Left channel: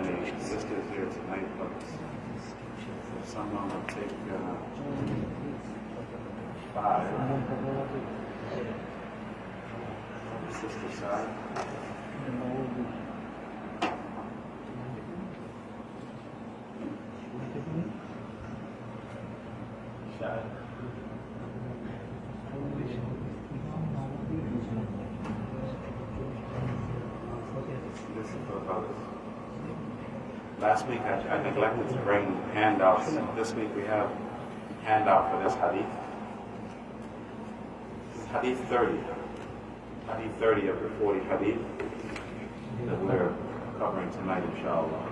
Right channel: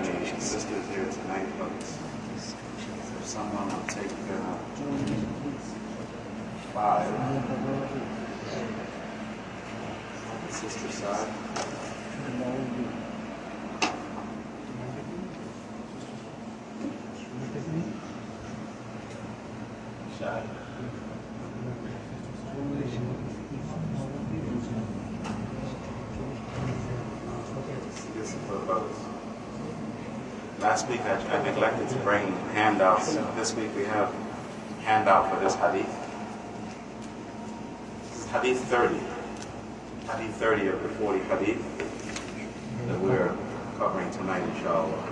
many sisters here tonight, but if someone would take 5, sister side. Last week I neglected to bring handouts. This week we have handout for this hadith. This is hadith 30. Hadith 30 of the 40 hadith that we're covering tonight, inshallah.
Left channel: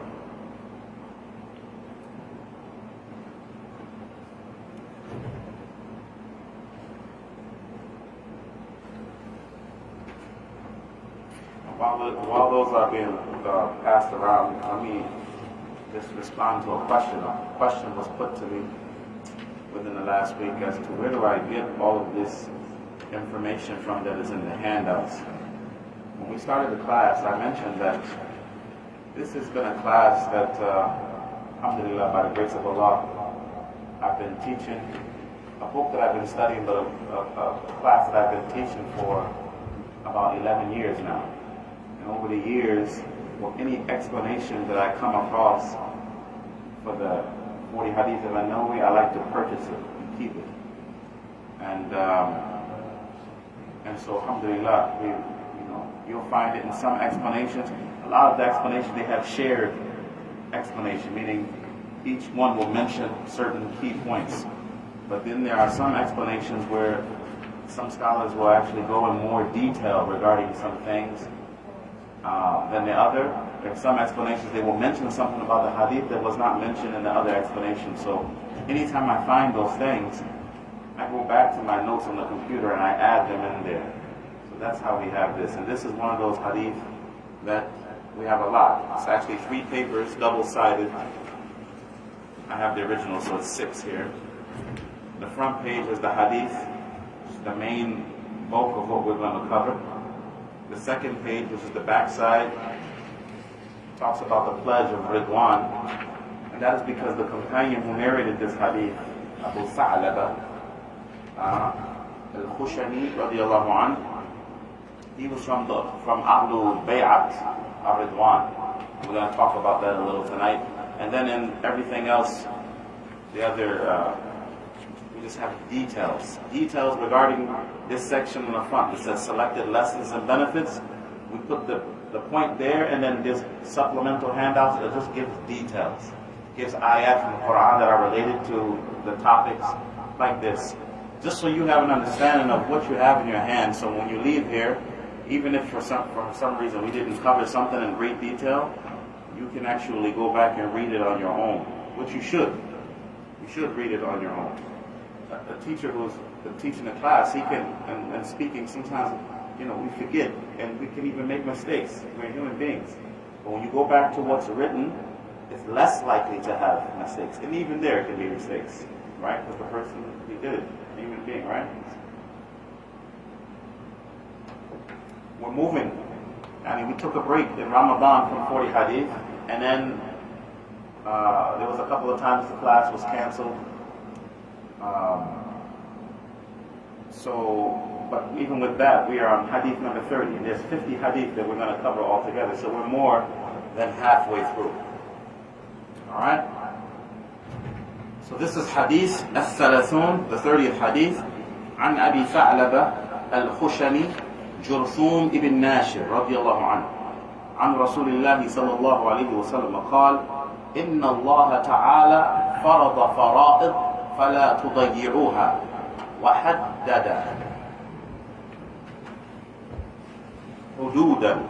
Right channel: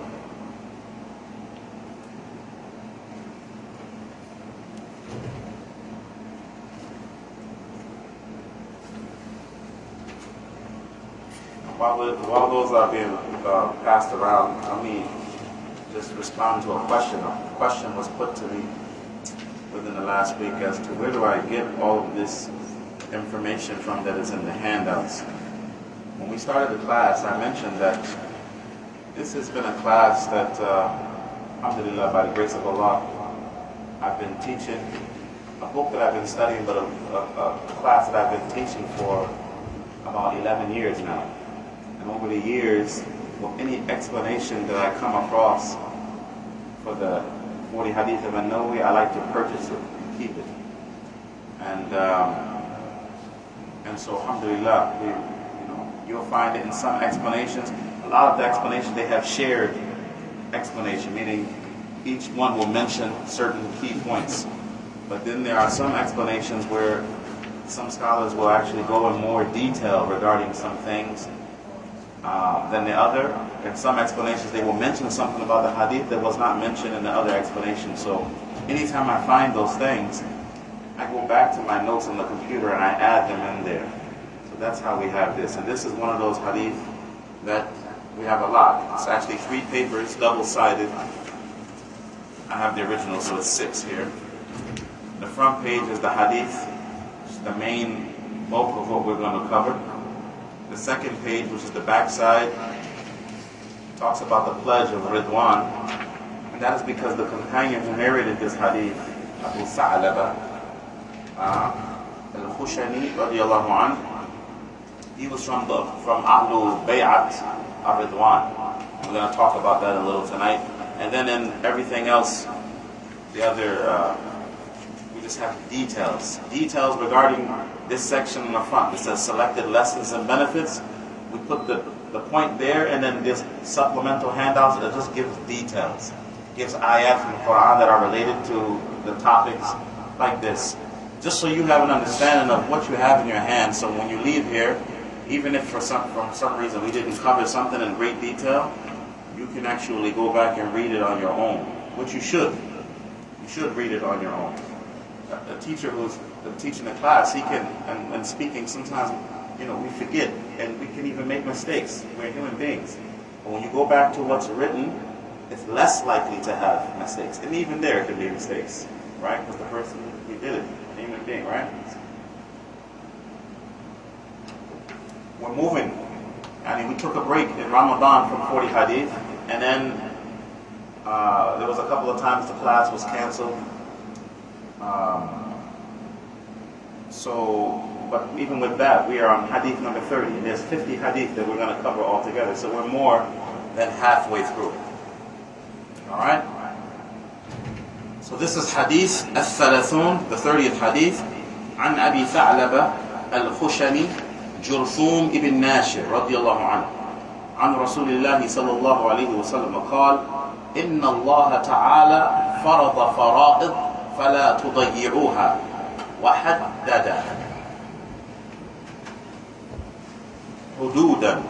While those are being passed around, let me just respond to a question. A question was put to me within the last week as to where do I get all of this information from that is in the handouts. When we started the class, I mentioned that this has been a class that, alhamdulillah, by the grace of Allah, I've been teaching a book that I've been studying, but a class that I've been teaching for about 11 years now. And over the years, with any explanation that I come across for the 40 hadith of An-Nawawī, I like to purchase it and keep it. And so, alhamdulillah, you'll find it in some explanations. A lot of the explanations, they have shared explanation, meaning each one will mention certain key points. But then there are some explanations where some scholars will actually go in more detail regarding some things than the other. In some explanations, they will mention something about the hadith that was not mentioned in the other explanation. So anytime I find those things, I go back to my notes on the computer and I add them in there. So that's how we have this. And this is one of those hadith that we have a lot. It's actually 3 papers, double-sided. I have the original, so it's 6 here. The front page is the hadith, which is the main bulk of what we're going to cover. The second page, which is the back side, talks about the pledge of Ridwan. And that is because the companion who narrated this hadith, Abu Tha'laba al-Khushani radiyallahu anhu, he was from Ahlul Bay'at al-Ridwan. We're going to talk about that a little tonight. And then in everything else, the other, we just have details. Details regarding this section on the front. It says selected lessons and benefits. We put the point there, and then this supplemental handouts, it just gives details. Gives ayat from the Quran that are related to the topics like this. Just so you have an understanding of what you have in your hand, so when you leave here, even if for some reason we didn't cover something in great detail, you can actually go back and read it on your own, which you should. You should read it on your own. A teacher who's teaching a class, he can, and speaking, sometimes, we forget, and we can even make mistakes. We're human beings. But when you go back to what's written, it's less likely to have mistakes. And even there can be mistakes, right? Because the person who did it, a human being, right? We're moving. We took a break in Ramadan from 40 hadith, and then there was a couple of times the class was canceled. But even with that, we are on hadith number 30, and there's 50 hadith that we're going to cover all together. So we're more than halfway through. All right? So this is hadith al-thalathun, the 30th hadith. An Abi Tha'laba al-Khushani جرثوم ابن ناشر رضي الله عنه عن رسول الله صلى الله عليه وسلم قال إن الله تعالى فرض فرائض فلا تضيعوها وحدد حدودا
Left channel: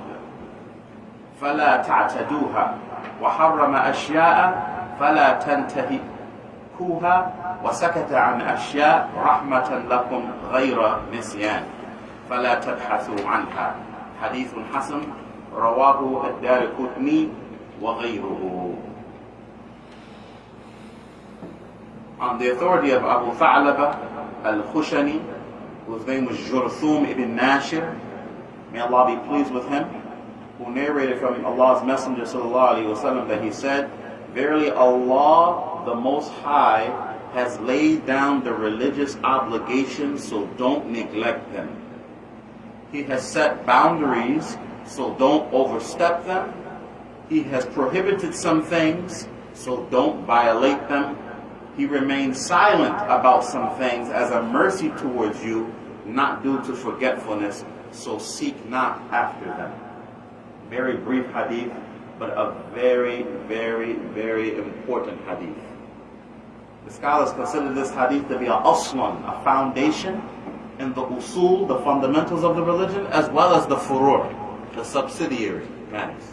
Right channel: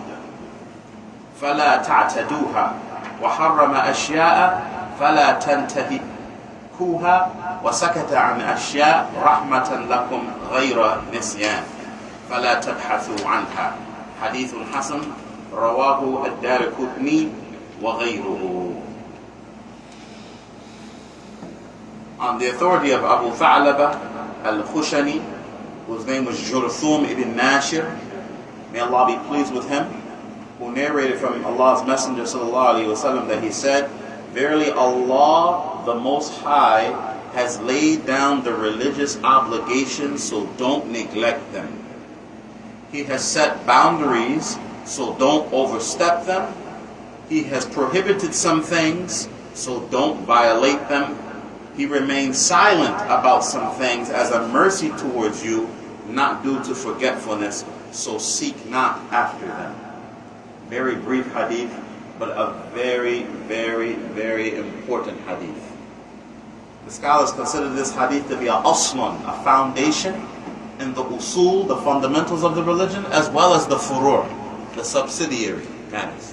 فلا تعتدوها وحرم أشياء فلا تنتهكوها وسكت عن أشياء رحمة لكم غير نسيان فلا تبحثوا عنها حديث حسن رواه الدارقطني وغيره. On the authority of Abu Tha'laba al-Khushani, whose name was Jurthum ibn Nashir, may Allah be pleased with him, who narrated from Allah's Messenger sallallahu alaihi wasallam that he said, "Verily Allah, the Most High, has laid down the religious obligations, so don't neglect them. He has set boundaries, so don't overstep them. He has prohibited some things, so don't violate them. He remains silent about some things as a mercy towards you, not due to forgetfulness, so seek not after them." Very brief hadith, but a very, very, very important hadith. The scholars consider this hadith to be a aslan, a foundation, in the usul, the fundamentals of the religion, as well as the furur, the subsidiary matters.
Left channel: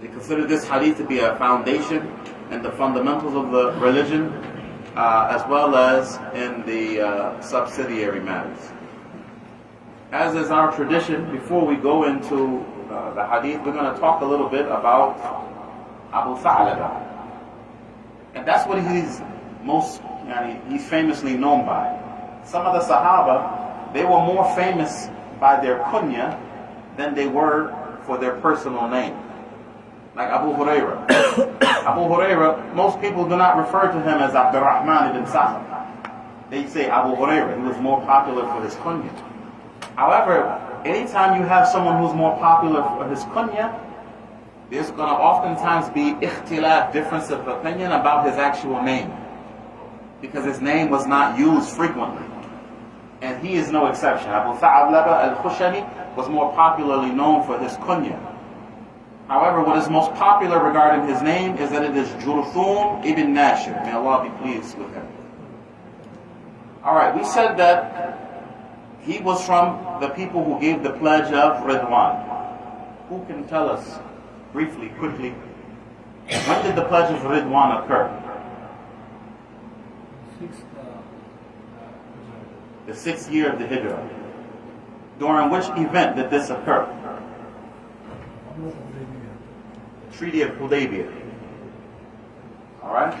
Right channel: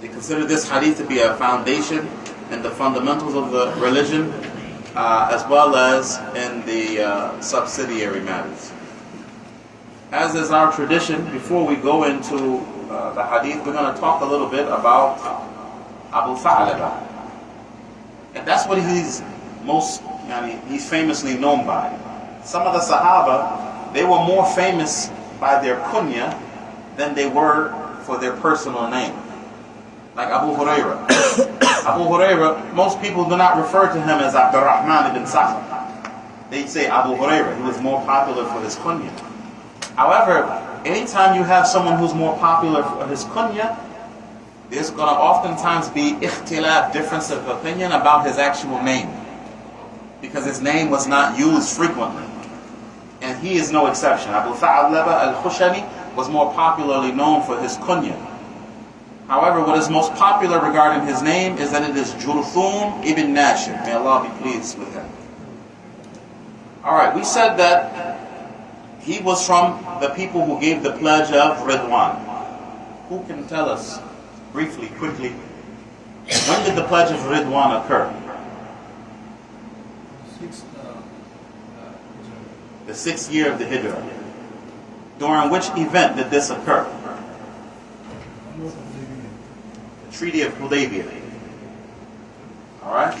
They consider this hadith to be a foundation in the fundamentals of the religion, as well as in the subsidiary matters. As is our tradition, before we go into the hadith, we're going to talk a little bit about Abu Tha'laba. And that's what he's he's famously known by. Some of the Sahaba, they were more famous by their kunya than they were for their personal name. Like Abu Huraira. Abu Huraira, most people do not refer to him as Abdurrahman ibn Sakhr. They say Abu Huraira. He was more popular for his kunya. However, anytime you have someone who's more popular for his kunya, there's going to oftentimes be ikhtilaf, difference of opinion about his actual name, because his name was not used frequently. And he is no exception. Abu Tha'laba al-Khushani was more popularly known for his kunya. However, what is most popular regarding his name is that it is Jurthum ibn Nashir. May Allah be pleased with him. Alright, we said that he was from the people who gave the pledge of Ridwan. Who can tell us briefly, quickly, when did the pledge of Ridwan occur? The 6th year of the Hijrah. During which event did this occur? The Treaty of Hudaybiyah. Alright?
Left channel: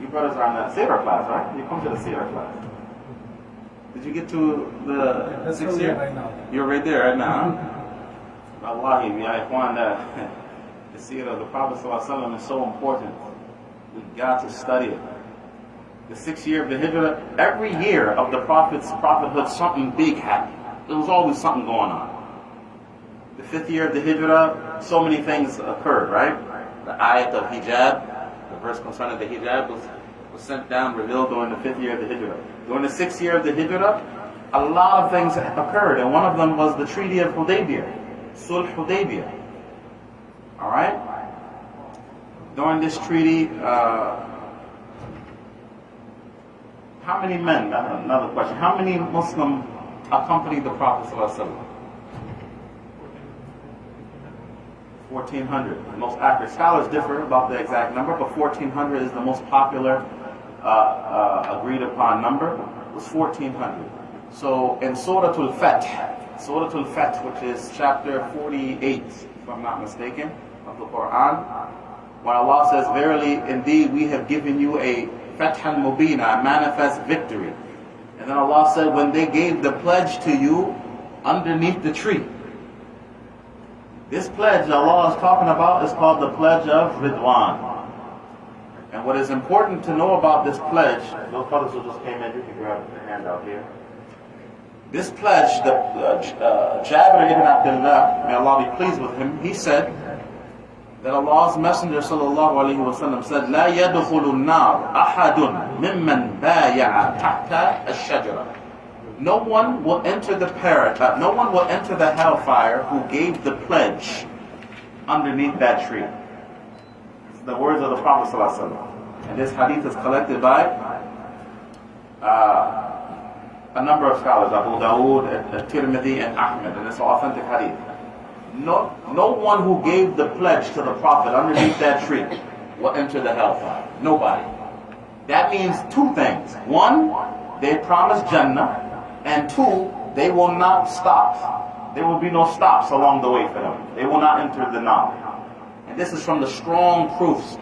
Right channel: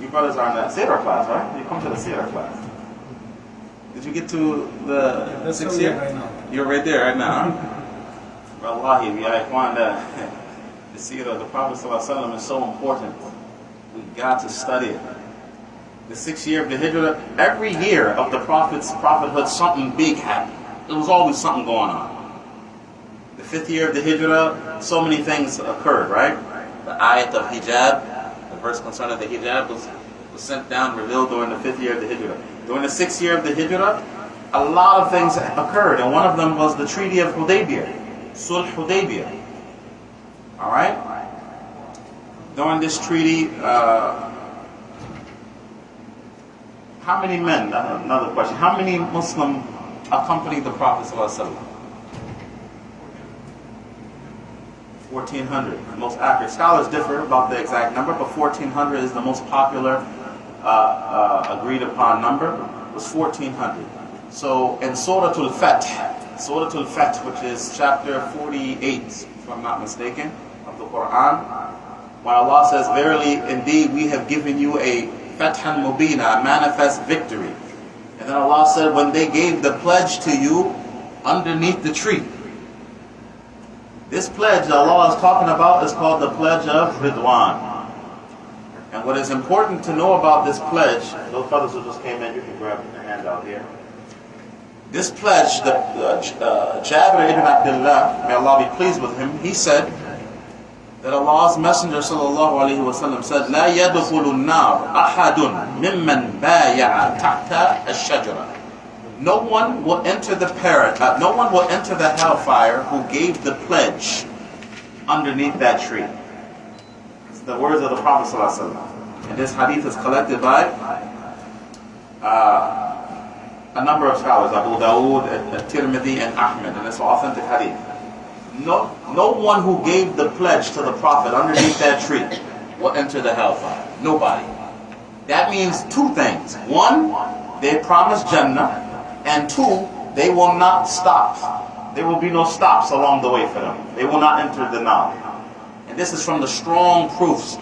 You brothers are in the Sirah class, right? You come to the Sirah class. Did you get to the 6th year? Right now. You're right there right now, huh? Wallahi, ya ikhwan, the seerah of the Prophet ﷺ is so important. We got to study it. The 6th year of the Hijrah, every year of the Prophet's prophethood, something big happened. There was always something going on. The 5th year of the Hijrah, so many things occurred, right? The ayat of hijab, the verse concerning the hijab was sent down, revealed during the 5th year of the Hijrah. During the 6th year of the Hijrah, a lot of things occurred, and one of them was the Treaty of Hudaybiyah, Sulh Hudaybiyah. Alright? During this treaty, how many men, another question, how many Muslims accompanied the Prophet ﷺ? 1,400, the most accurate. Scholars differ about the exact number, but 1,400 is the most popular agreed upon number. It was 1,400. So in Surah Al-Fath, which is chapter 48, if I'm not mistaken, of the Quran, when Allah says, "Verily, indeed, we have given you a Fathan Mubina, a manifest victory." And then Allah said, when they gave the pledge to you underneath the tree. This pledge Allah is talking about is called the pledge of Ridwan. And what is important to know about this pledge, those brothers who just came in, you can grab the handout here. This pledge, Jabir ibn Abdullah, may Allah be pleased with him, he said that Allah's Messenger sallallahu alaihi wasallam said, "La yadkhulu an-nar ahadun mimman baya'a tahta ash-shajara." No one will enter the hellfire who gave the pledge underneath that tree. It's the words of the Prophet sallallahu alaihi wasallam. And this hadith is collected by a number of scholars, Abu Dawood, At-Tirmidhi, and Ahmed, and it's an authentic hadith. No one who gave the pledge to the Prophet underneath that tree will enter the hellfire. Nobody. That means two things. One, they promise Jannah, and two, they will not stop. There will be no stops along the way for them. They will not enter the nar. And this is from the strong proofs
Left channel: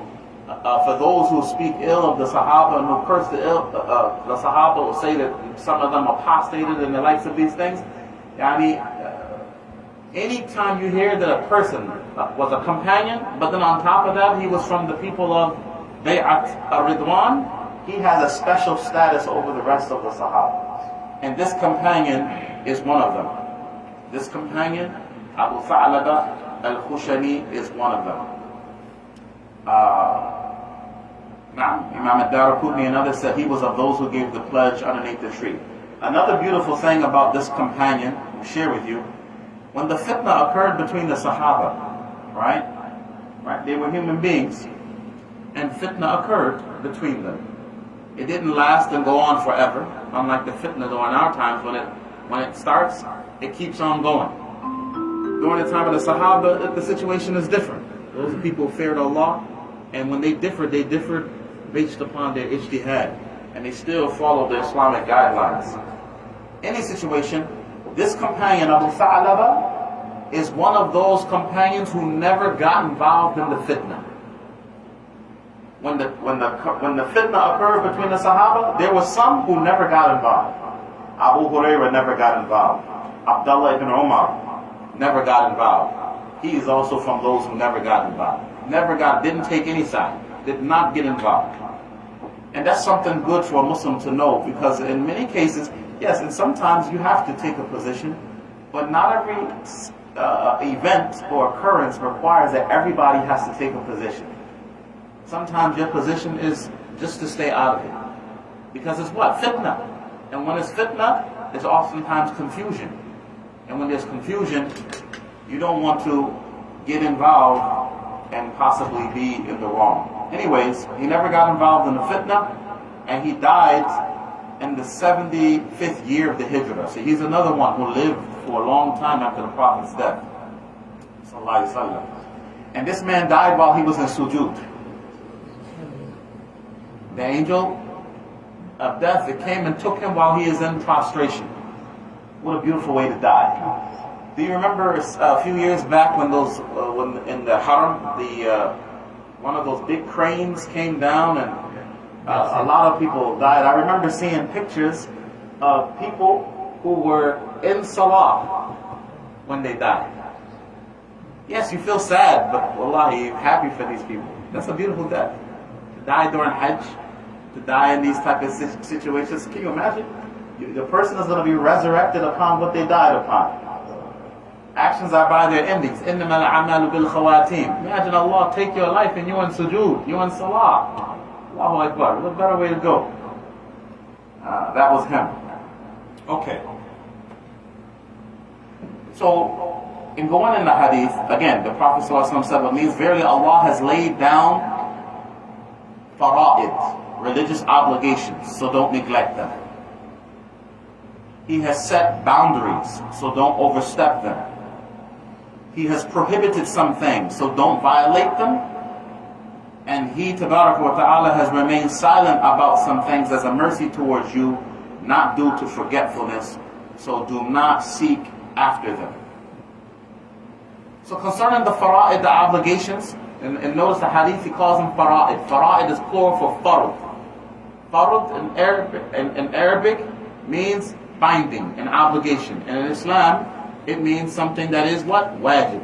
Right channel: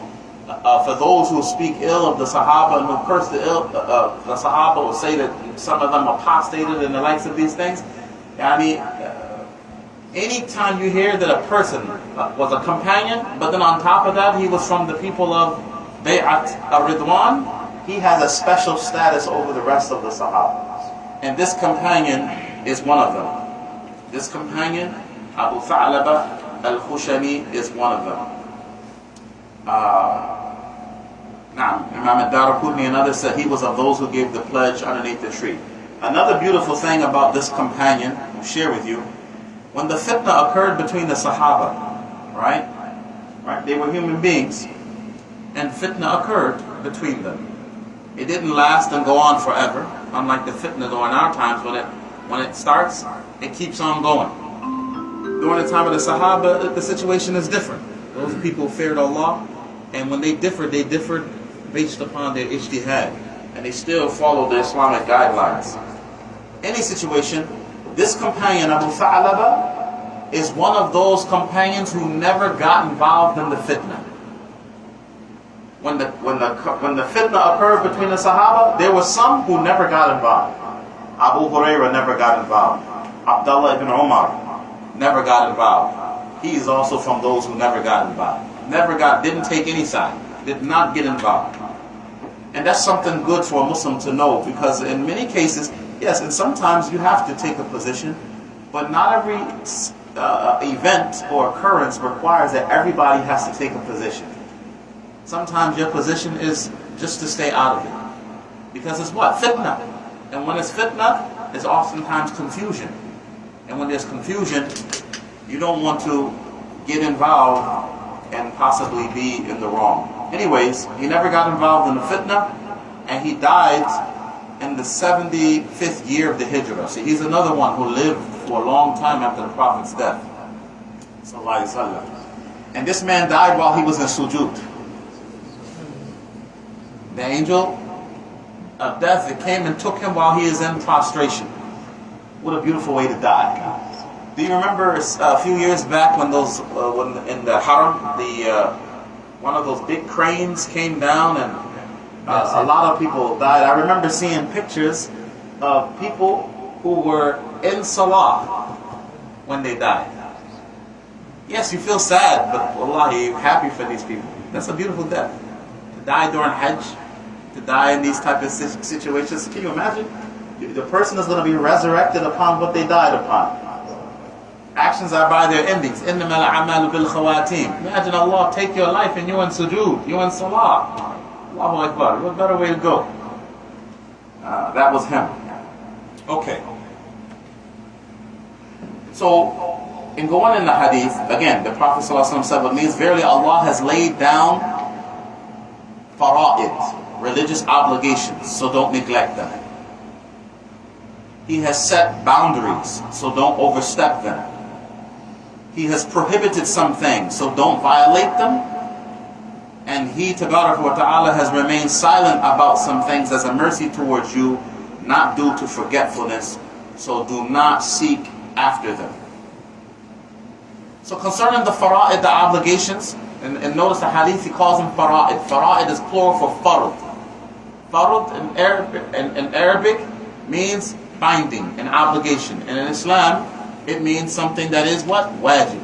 for those who speak ill of the Sahaba and who curse the Sahaba, or say that some of them apostated and the likes of these things. Anytime you hear that a person was a companion, but then on top of that he was from the people of Bay'at al-Ridwan, he has a special status over the rest of the Sahaba. And this companion is one of them. This companion, Abu Tha'laba al-Khushani, is one of them. Imam al-Daraqutni and others said he was of those who gave the pledge underneath the tree. Another beautiful thing about this companion, I'll share with you, when the fitna occurred between the Sahaba, right? They were human beings, and fitna occurred between them. It didn't last and go on forever, unlike the fitna during our times. When it starts, it keeps on going. During the time of the Sahaba, the situation is different. Those people feared Allah, and when they differed based upon their ijtihad, and they still follow the Islamic guidelines. Any situation, this companion, Abu Tha'laba, is one of those companions who never got involved in the fitna. When the fitna occurred between the Sahaba, there were some who never got involved. Abu Hurairah never got involved. Abdullah ibn Umar never got involved. He is also from those who never got involved. Didn't take any side, did not get involved. And that's something good for a Muslim to know, because in many cases, yes, and sometimes you have to take a position, but not every event or occurrence requires that everybody has to take a position. Sometimes your position is just to stay out of it. Because it's what? Fitna. And when it's fitna, there's oftentimes confusion. And when there's confusion, you don't want to get involved and possibly be in the wrong. Anyways, he never got involved in the fitna, and he died in the 75th year of the Hijrah. So he's another one who lived for a long time after the Prophet's death. Sallallahu Alaihi Wasallam. And this man died while he was in sujood. The angel of death, it came and took him while he is in prostration. What a beautiful way to die. Do you remember a few years back when when in the Haram, one of those big cranes came down and a lot of people died? I remember seeing pictures of people who were in Salah when they died. Yes, you feel sad, but wallahi, happy for these people. That's a beautiful death. To die during Hajj, to die in these type of situations. Can you imagine? The person is going to be resurrected upon what they died upon. Actions are by their endings. إِنَّمَا الْأَعْمَالُ بِالْخَوَاتِيمِ. Imagine Allah take your life and you're in sujood, you're in salah. Allahu Akbar. What better way to go? That was him. Okay. So, in going in the hadith, again, the Prophet ﷺ said, what means verily Allah has laid down fara'id, religious obligations, so don't neglect them. He has set boundaries, so don't overstep them. He has prohibited some things, so don't violate them. And He, Tabarak wa Ta'ala, has remained silent about some things as a mercy towards you, not due to forgetfulness, so do not seek after them. So concerning the fara'id, the obligations, and notice the hadith, he calls them fara'id. Fara'id is plural for fard. Fard in Arabic means binding, an obligation. And in Islam, it means something that is what? Wajib.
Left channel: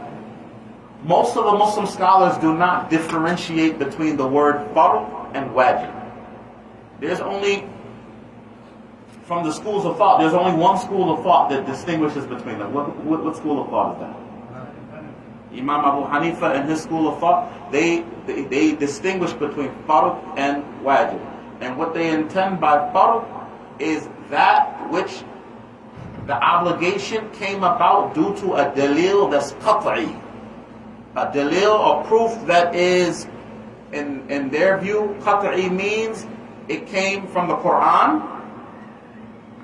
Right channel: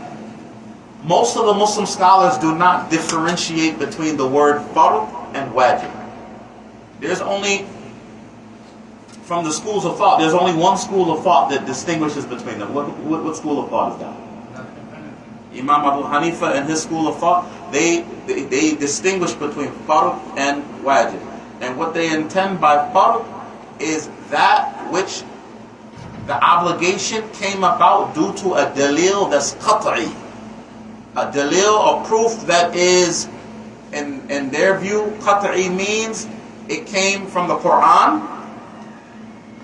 Most of the Muslim scholars do not differentiate between the word fard and wajib. There's only, from the schools of thought, there's only one school of thought that distinguishes between them. What school of thought is that? Imam Abu Hanifa and his school of thought, they distinguish between fard and wajib. And what they intend by fard is that which the obligation came about due to a dalil that's qat'i. A dalil or proof that is, in their view, qat'i means it came from the Quran,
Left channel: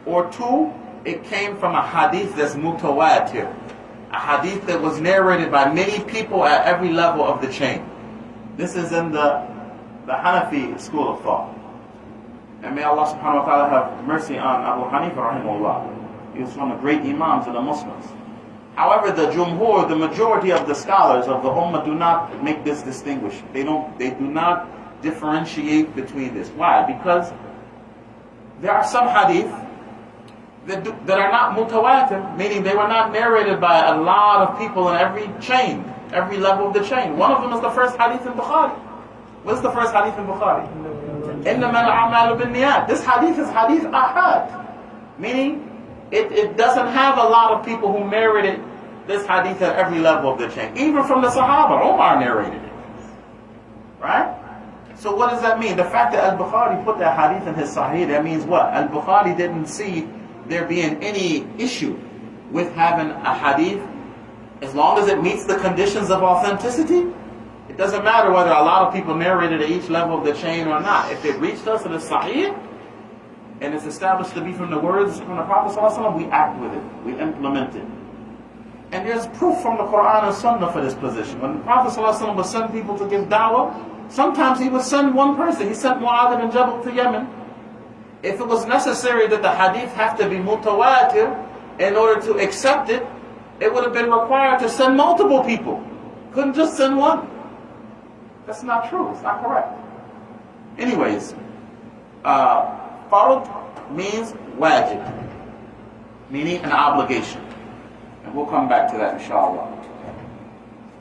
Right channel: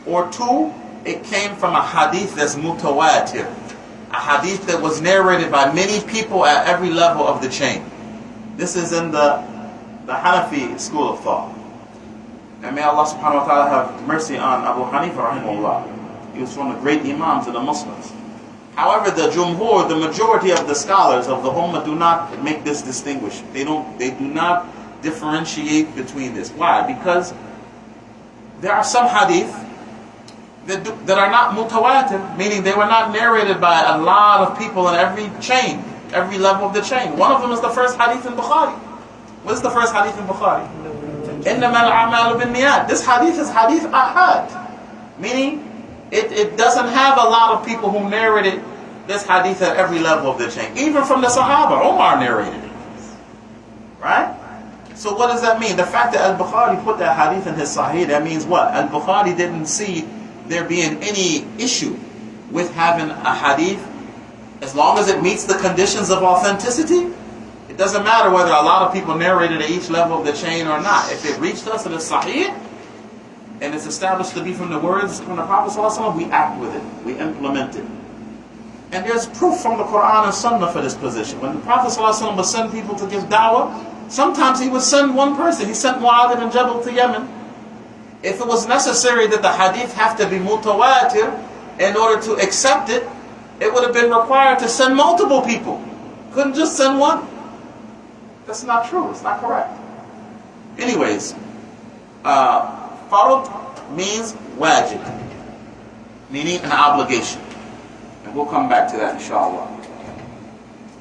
or two, it came from a hadith that's mutawatir. A hadith that was narrated by many people at every level of the chain. This is in the Hanafi school of thought. And may Allah subhanahu wa ta'ala have mercy on Abu Hanifa rahimahullah. He was one of the great Imams of the Muslims. However, the Jumhur, the majority of the scholars of the Ummah, do not make this distinguish. They do not differentiate between this. Why? Because there are some hadith that are not mutawatir, meaning they were not narrated by a lot of people in every chain, every level of the chain. One of them is the first hadith in Bukhari. What is the first hadith in Bukhari? إِنَّمَا الْأَعْمَالُ بِالنِّيَّاتِ. This hadith is hadith ahad, meaning it doesn't have a lot of people who narrated this hadith at every level of the chain. Even from the Sahaba, Umar narrated it. Right? So what does that mean? The fact that Al-Bukhari put that hadith in his Sahih, that means what? Al-Bukhari didn't see there being any issue with having a hadith as long as it meets the conditions of authenticity. It doesn't matter whether a lot of people narrated at each level of the chain or not. If it reached us in a Sahih and it's established to be from the words from the Prophet ﷺ, we act with it, we implement it. And there's proof from the Quran and Sunnah for this position. When the Prophet ﷺ would send people to give da'wah, sometimes he would send one person. He sent Mu'adh ibn Jabal to Yemen. If it was necessary that the hadith have to be mutawatir in order to accept it, it would have been required to send multiple people. Couldn't just send one. That's not true. It's not correct. Anyways, farad means wajib, meaning an obligation. And we'll come back to that inshallah.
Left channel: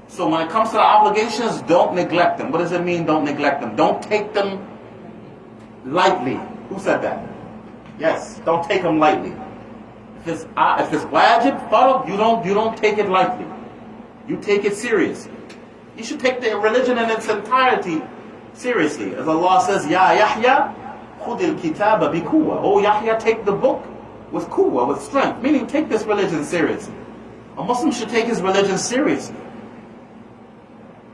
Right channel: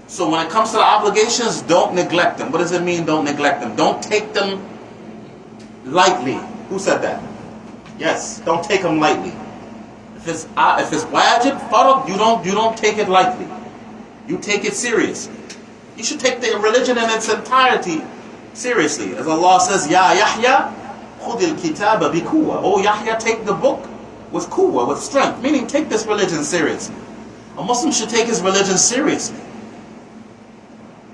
So when it comes to the obligations, don't neglect them. What does it mean, don't neglect them? Don't take them lightly. Who said that? Yes, don't take them lightly. If it's wajib, farad, you don't take it lightly. You take it seriously. You should take the religion in its entirety seriously. As Allah says, Ya Yahya, khudil kitaba bi quwwa. Oh Yahya, take the book with quwwa, with strength. Meaning, take this religion seriously. A Muslim should take his religion seriously.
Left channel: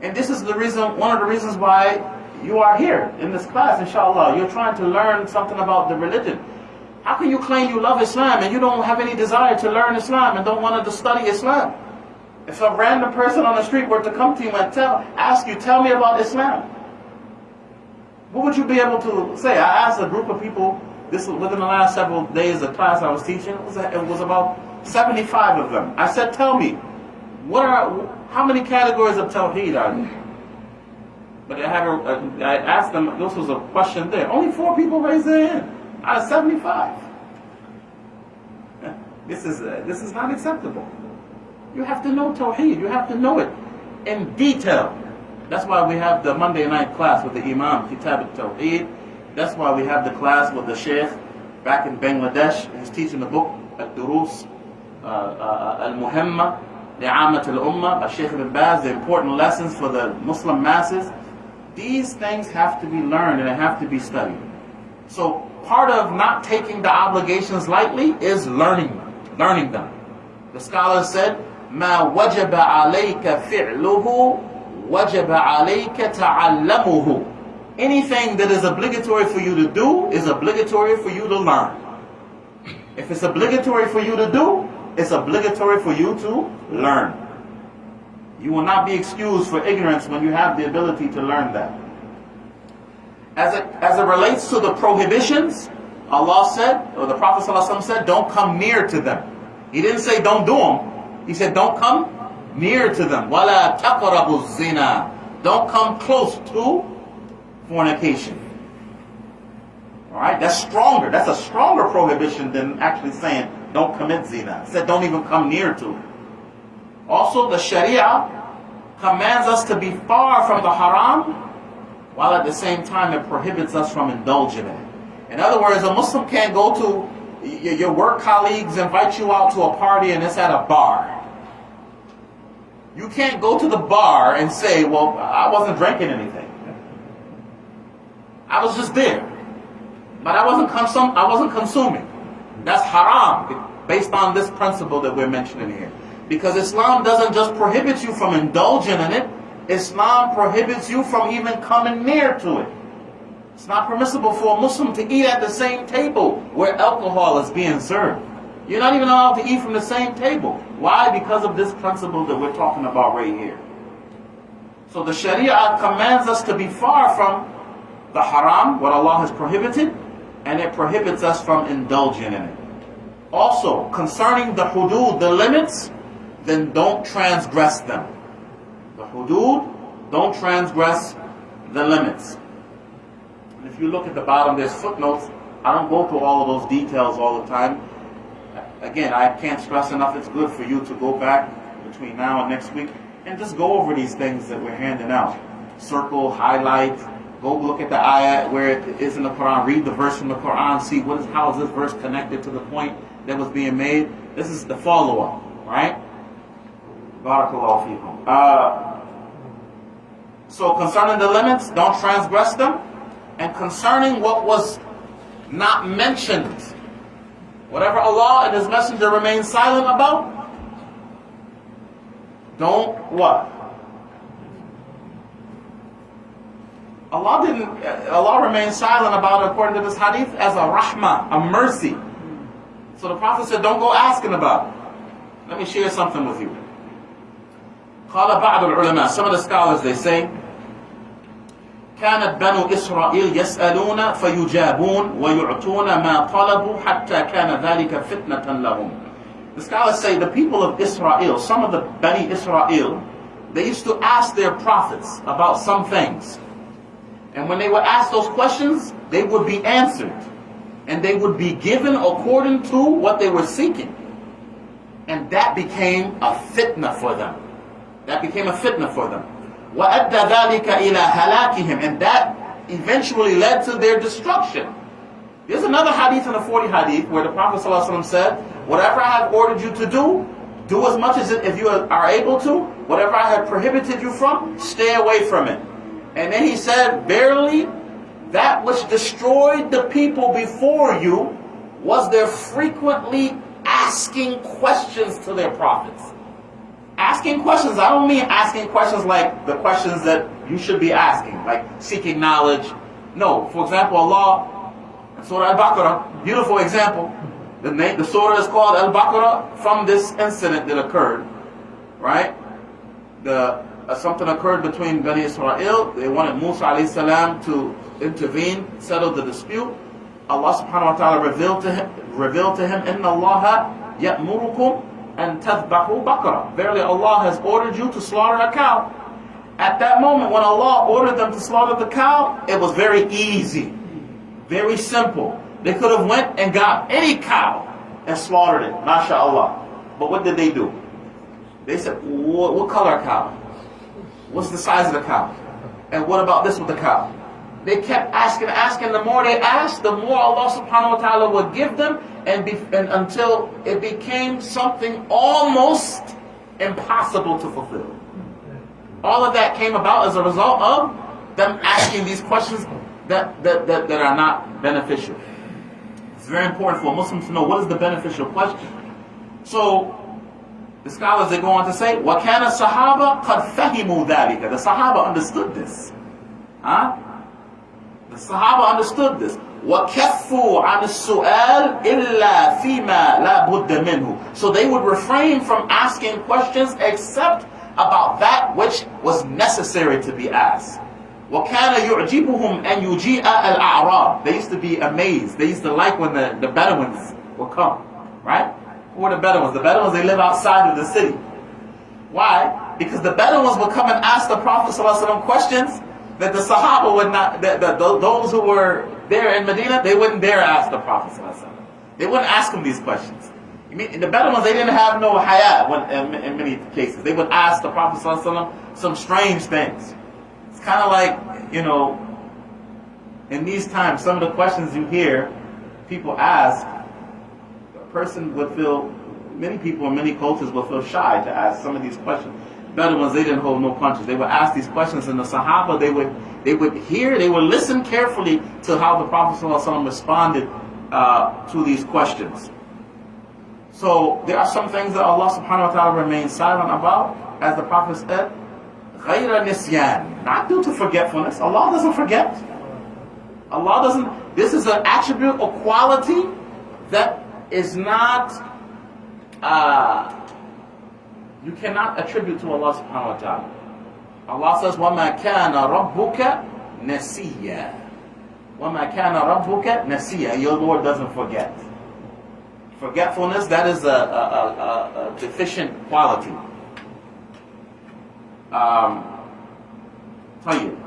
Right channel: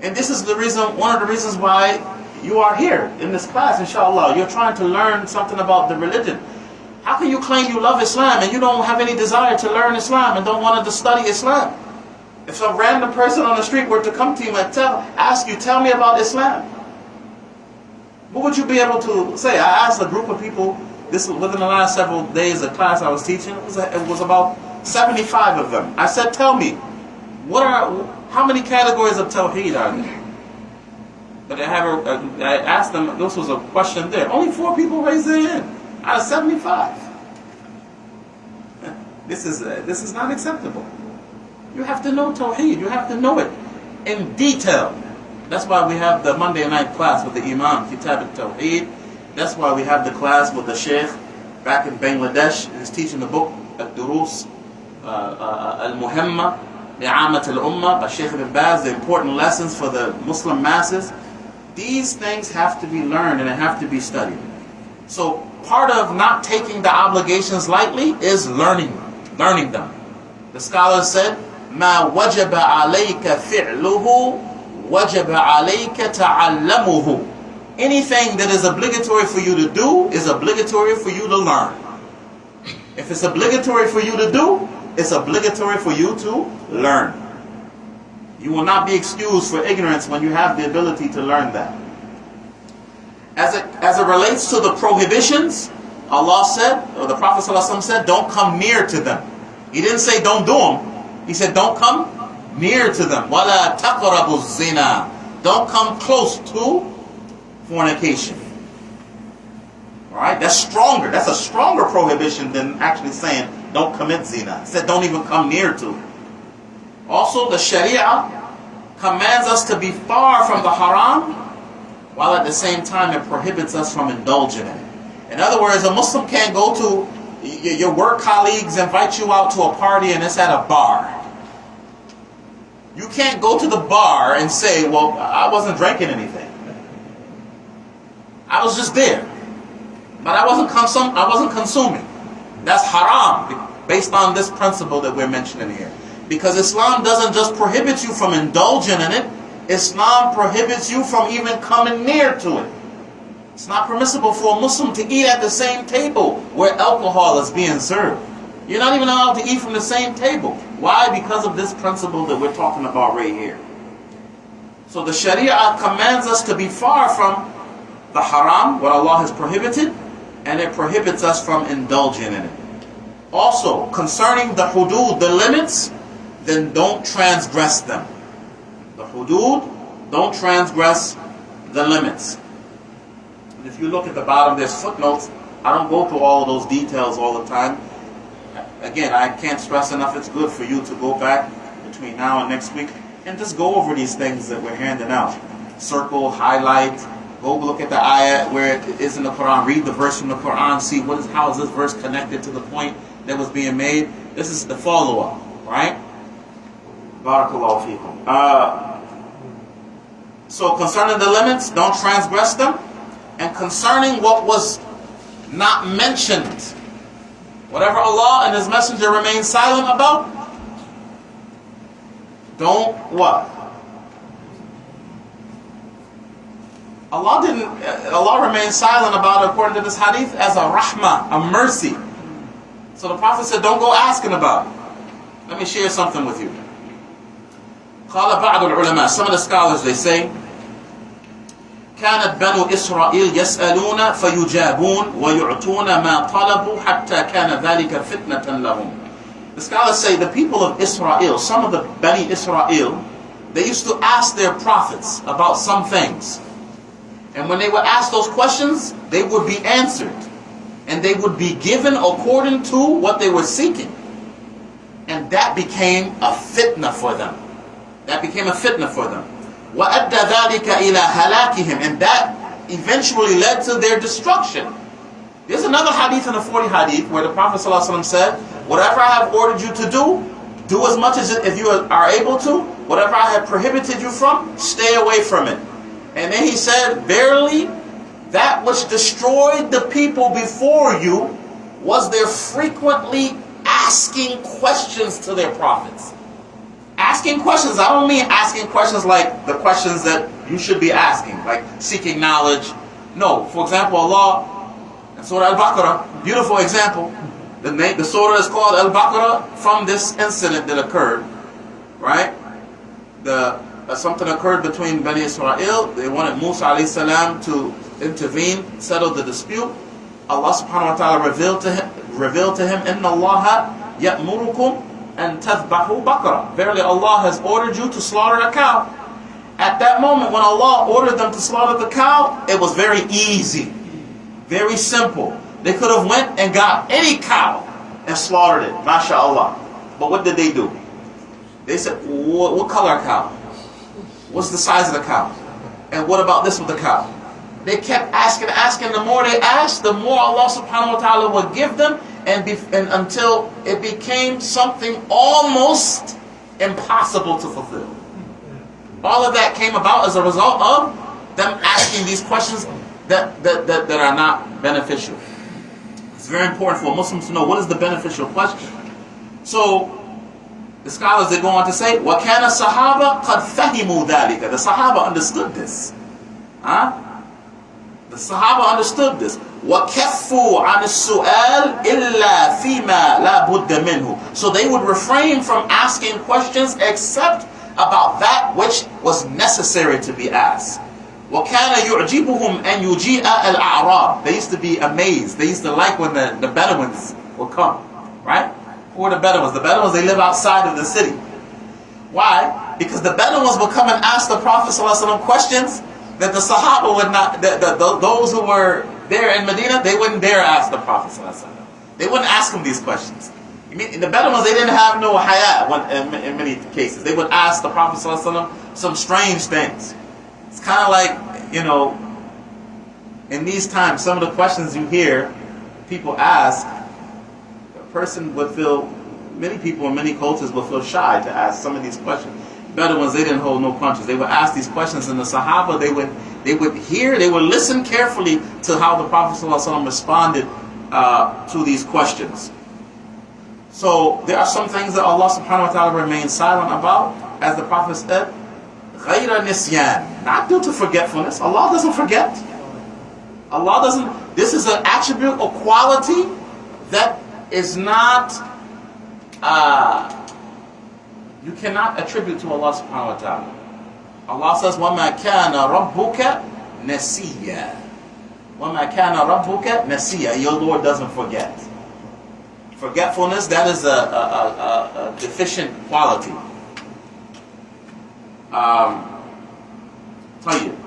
And this is the reason, one of the reasons why you are here in this class, inshallah. You're trying to learn something about the religion. How can you claim you love Islam and you don't have any desire to learn Islam and don't want to study Islam? If some random person on the street were to come to you and ask you, tell me about Islam, what would you be able to say? I asked a group of people, this was within the last several days of class I was teaching, it was about 75 of them. I said, tell me, how many categories of Tawheed are there? But I asked them, this was a question there. Only 4 people raised their hand out of 75. This is not acceptable. You have to know Tawheed. You have to know it in detail. That's why we have the Monday night class with the Imām, Kitab At-Tawheed. That's why we have the class with the Sheikh back in Bangladesh. He's teaching the book Ad-Durus Al-Muhimma Li'amat Al-Ummah by Sheikh Ibn Baz, the important lessons for the Muslim masses. These things have to be learned and they have to be studied. So part of not taking the obligations lightly is learning them. The scholars said, "Ma wajaba alayka fi'luhu, wajaba alayka ta'allamuhu." Anything that is obligatory for you to do is obligatory for you to learn. If it's obligatory for you to do, it's obligatory for you to learn. You will not be excused for ignorance when you have the ability to learn that. As it relates to the prohibitions, Allah said, or the Prophet ﷺ said, don't come near to them. He didn't say don't do them. He said don't come near to them. وَلَا تَقْرَبُوا الزِّنَا. Don't come close to fornication. Alright, that's stronger. That's a stronger prohibition than actually saying don't commit zina. It said don't even come near to it. Also, the Sharia commands us to be far from the haram, while at the same time it prohibits us from indulging in it. In other words, a Muslim can't go to, your work colleagues invite you out to a party and it's at a bar. You can't go to the bar and say, well, I wasn't drinking anything. I was just there. But I wasn't consuming. That's haram, based on this principle that we're mentioning here. Because Islam doesn't just prohibit you from indulging in it, Islam prohibits you from even coming near to it. It's not permissible for a Muslim to eat at the same table where alcohol is being served. You're not even allowed to eat from the same table. Why? Because of this principle that we're talking about right here. So the Sharia commands us to be far from the haram, what Allah has prohibited, and it prohibits us from indulging in it. Also, concerning the hudud, the limits, then don't transgress them. The hudud, don't transgress the limits. And if you look at the bottom, there's footnotes. I don't go through all of those details all the time. Again, I can't stress enough, it's good for you to go back between now and next week and just go over these things that we're handing out. Circle, highlight, go look at the ayah where it is in the Quran, read the verse from the Quran, see how is this verse connected to the point that was being made. This is the follow-up, right? Barakallahu feekum. So concerning the limits, don't transgress them. And concerning what was not mentioned, whatever Allah and His Messenger remain silent about, don't what? Allah remains silent about it according to this hadith as a rahmah, a mercy. So the Prophet said, don't go asking about it. Let me share something with you. قال بعض العلماء, some of the scholars, they say, كانت بنو إسرائيل يسألون فيجابون ويعطون ما طلبوا حتى كان ذلك فتنة لهم. The scholars say the people of Israel, some of the Bani Israel, they used to ask their prophets about some things. And when they would ask those questions, they would be answered. And they would be given according to what they were seeking. And that became a fitna for them. That became a fitna for them. وَأَدَّى ذَلِكَ إِلَى هَلَاكِهِمْ. And that eventually led to their destruction. There's another hadith in the 40 hadith where the Prophet ﷺ said, whatever I have ordered you to do as much as if you are able to. Whatever I have prohibited you from, stay away from it. And then he said, verily, that which destroyed the people before you was their frequently asking questions to their prophets. Asking questions, I don't mean asking questions like the questions that you should be asking, like seeking knowledge. No, for example, Allah, in Surah Al-Baqarah, beautiful example. The surah is called Al-Baqarah from this incident that occurred, right? Something occurred between Bani Israel. They wanted Musa alayhi salam to intervene, settle the dispute. Allah subhanahu wa ta'ala revealed to him, Inna Allaha ya'murukum an tadhbahu baqarah. Verily Allah has ordered you to slaughter a cow. At that moment when Allah ordered them to slaughter the cow, it was very easy, very simple. They could have went and got any cow and slaughtered it, mashallah. But what did they do? They said, what color cow? What's the size of the cow? And what about this with the cow? They kept asking. The more they asked, the more Allah subhanahu wa ta'ala would give them, and until it became something almost impossible to fulfill. All of that came about as a result of them asking these questions that are not beneficial. It's very important for Muslims to know what is the beneficial question. So the scholars, they go on to say, وَكَانَ الصَّحَابَةُ قَدْ فَهِمُوا ذَلِكَ. The Sahaba understood this. The Sahaba understood this. وَكَفُّوا عَنِ السُّؤَالِ إِلَّا فِيمَا لَا بُدَّ مِنْهُ. So they would refrain from asking questions except about that which was necessary to be asked. وَكَانَ يُعْجِبُهُمْ أَنْ يُجِيءَ الْأَعْرَابِ. They used to be amazed. They used to like when the Bedouins would come. Right? Who are the Bedouins? The Bedouins, they live outside of the city. Why? Because the Bedouins would come and ask the Prophet ﷺ questions that the Sahaba would not, those who were there in Medina, they wouldn't dare ask the Prophet ﷺ. They wouldn't ask him these questions. I mean, the Bedouins, they didn't have no haya in many cases. They would ask the Prophet ﷺ some strange things. It's kind of like, in these times, some of the questions you hear people ask, person would feel, many people in many cultures would feel shy to ask some of these questions. Bedouins, they didn't hold no punches. They would ask these questions, and the Sahaba, they would listen carefully to how the Prophet ﷺ responded to these questions. So there are some things that Allah subhanahu wa ta'ala remains silent about, as the Prophet said, غَيْرَ نِسْيَانٍ, not due to forgetfulness. Allah doesn't forget. This is an attribute or quality that is not, you cannot attribute to Allah subhanahu wa ta'ala. Allah says, وَمَا كَانَ رَبُّكَ نَسِيًّا. وَمَا كَانَ رَبُّكَ نَسِيًّا. Your Lord doesn't forget. Forgetfulness, that is a deficient quality. Tell you.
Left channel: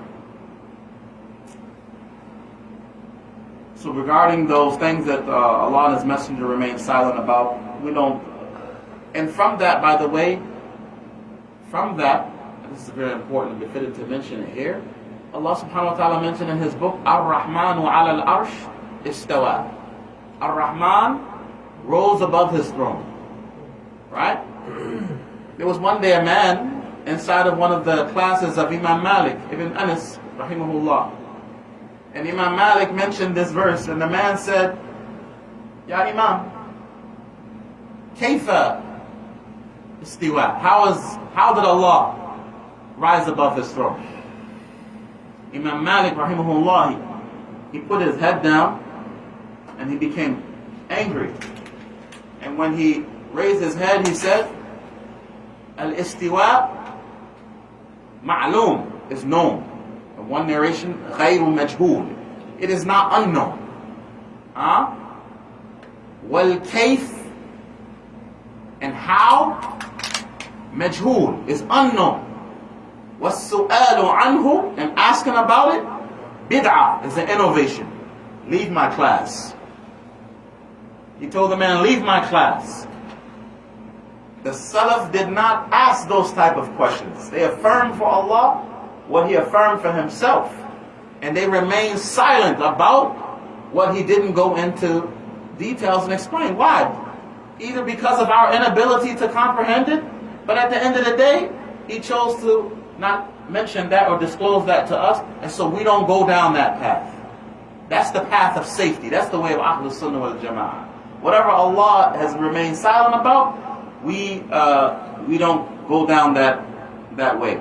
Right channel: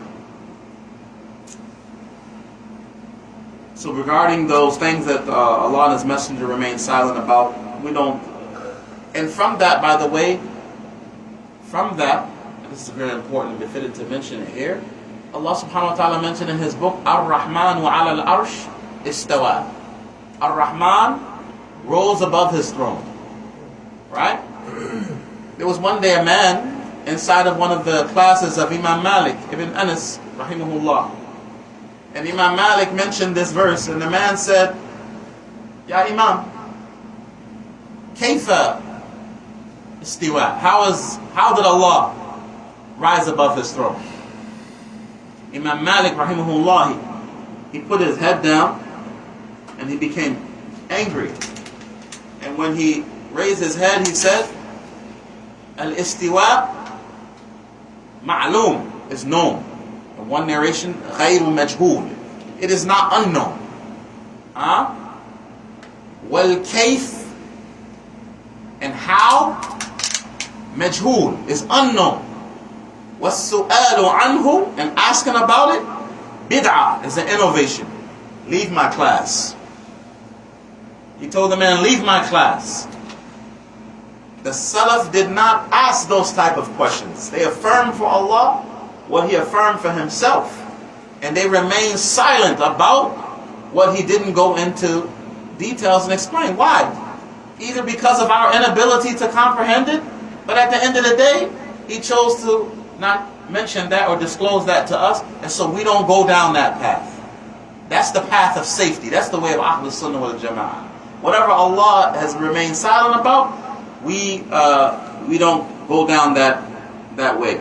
So regarding those things that Allah and His Messenger remain silent about, we don't. And from that, by the way, from that, and this is very important and befitting to mention it here, Allah subhanahu wa ta'ala mentioned in His book, Ar-Rahman wa ala al-arsh istawa. Ar-Rahman rose above His throne. Right? There was one day a man inside of one of the classes of Imam Malik ibn Anas, rahimahullah. And Imam Malik mentioned this verse, and the man said, Ya Imam, Kayfa istiwa? How did Allah rise above His throne? Imam Malik, rahimahullah, he put his head down and he became angry. And when he raised his head, he said, Al-istiwa ma'loom is known. In one narration, غَيْرُ مَجْهُولٍ. It is not unknown. وَالْكَيْفِ and how, majhul is unknown. وَالسُّؤَالُ عَنْهُ and asking about it, bid'ah is an innovation. Leave my class. He told the man, leave my class. The Salaf did not ask those type of questions. They affirmed for Allah what He affirmed for Himself. And they remained silent about what He didn't go into details and explain. Why? Either because of our inability to comprehend it, but at the end of the day, He chose to not mention that or disclose that to us, and so we don't go down that path. That's the path of safety. That's the way of Ahlus Sunnah wal Jama'ah. Whatever Allah has remained silent about, we don't go down that way.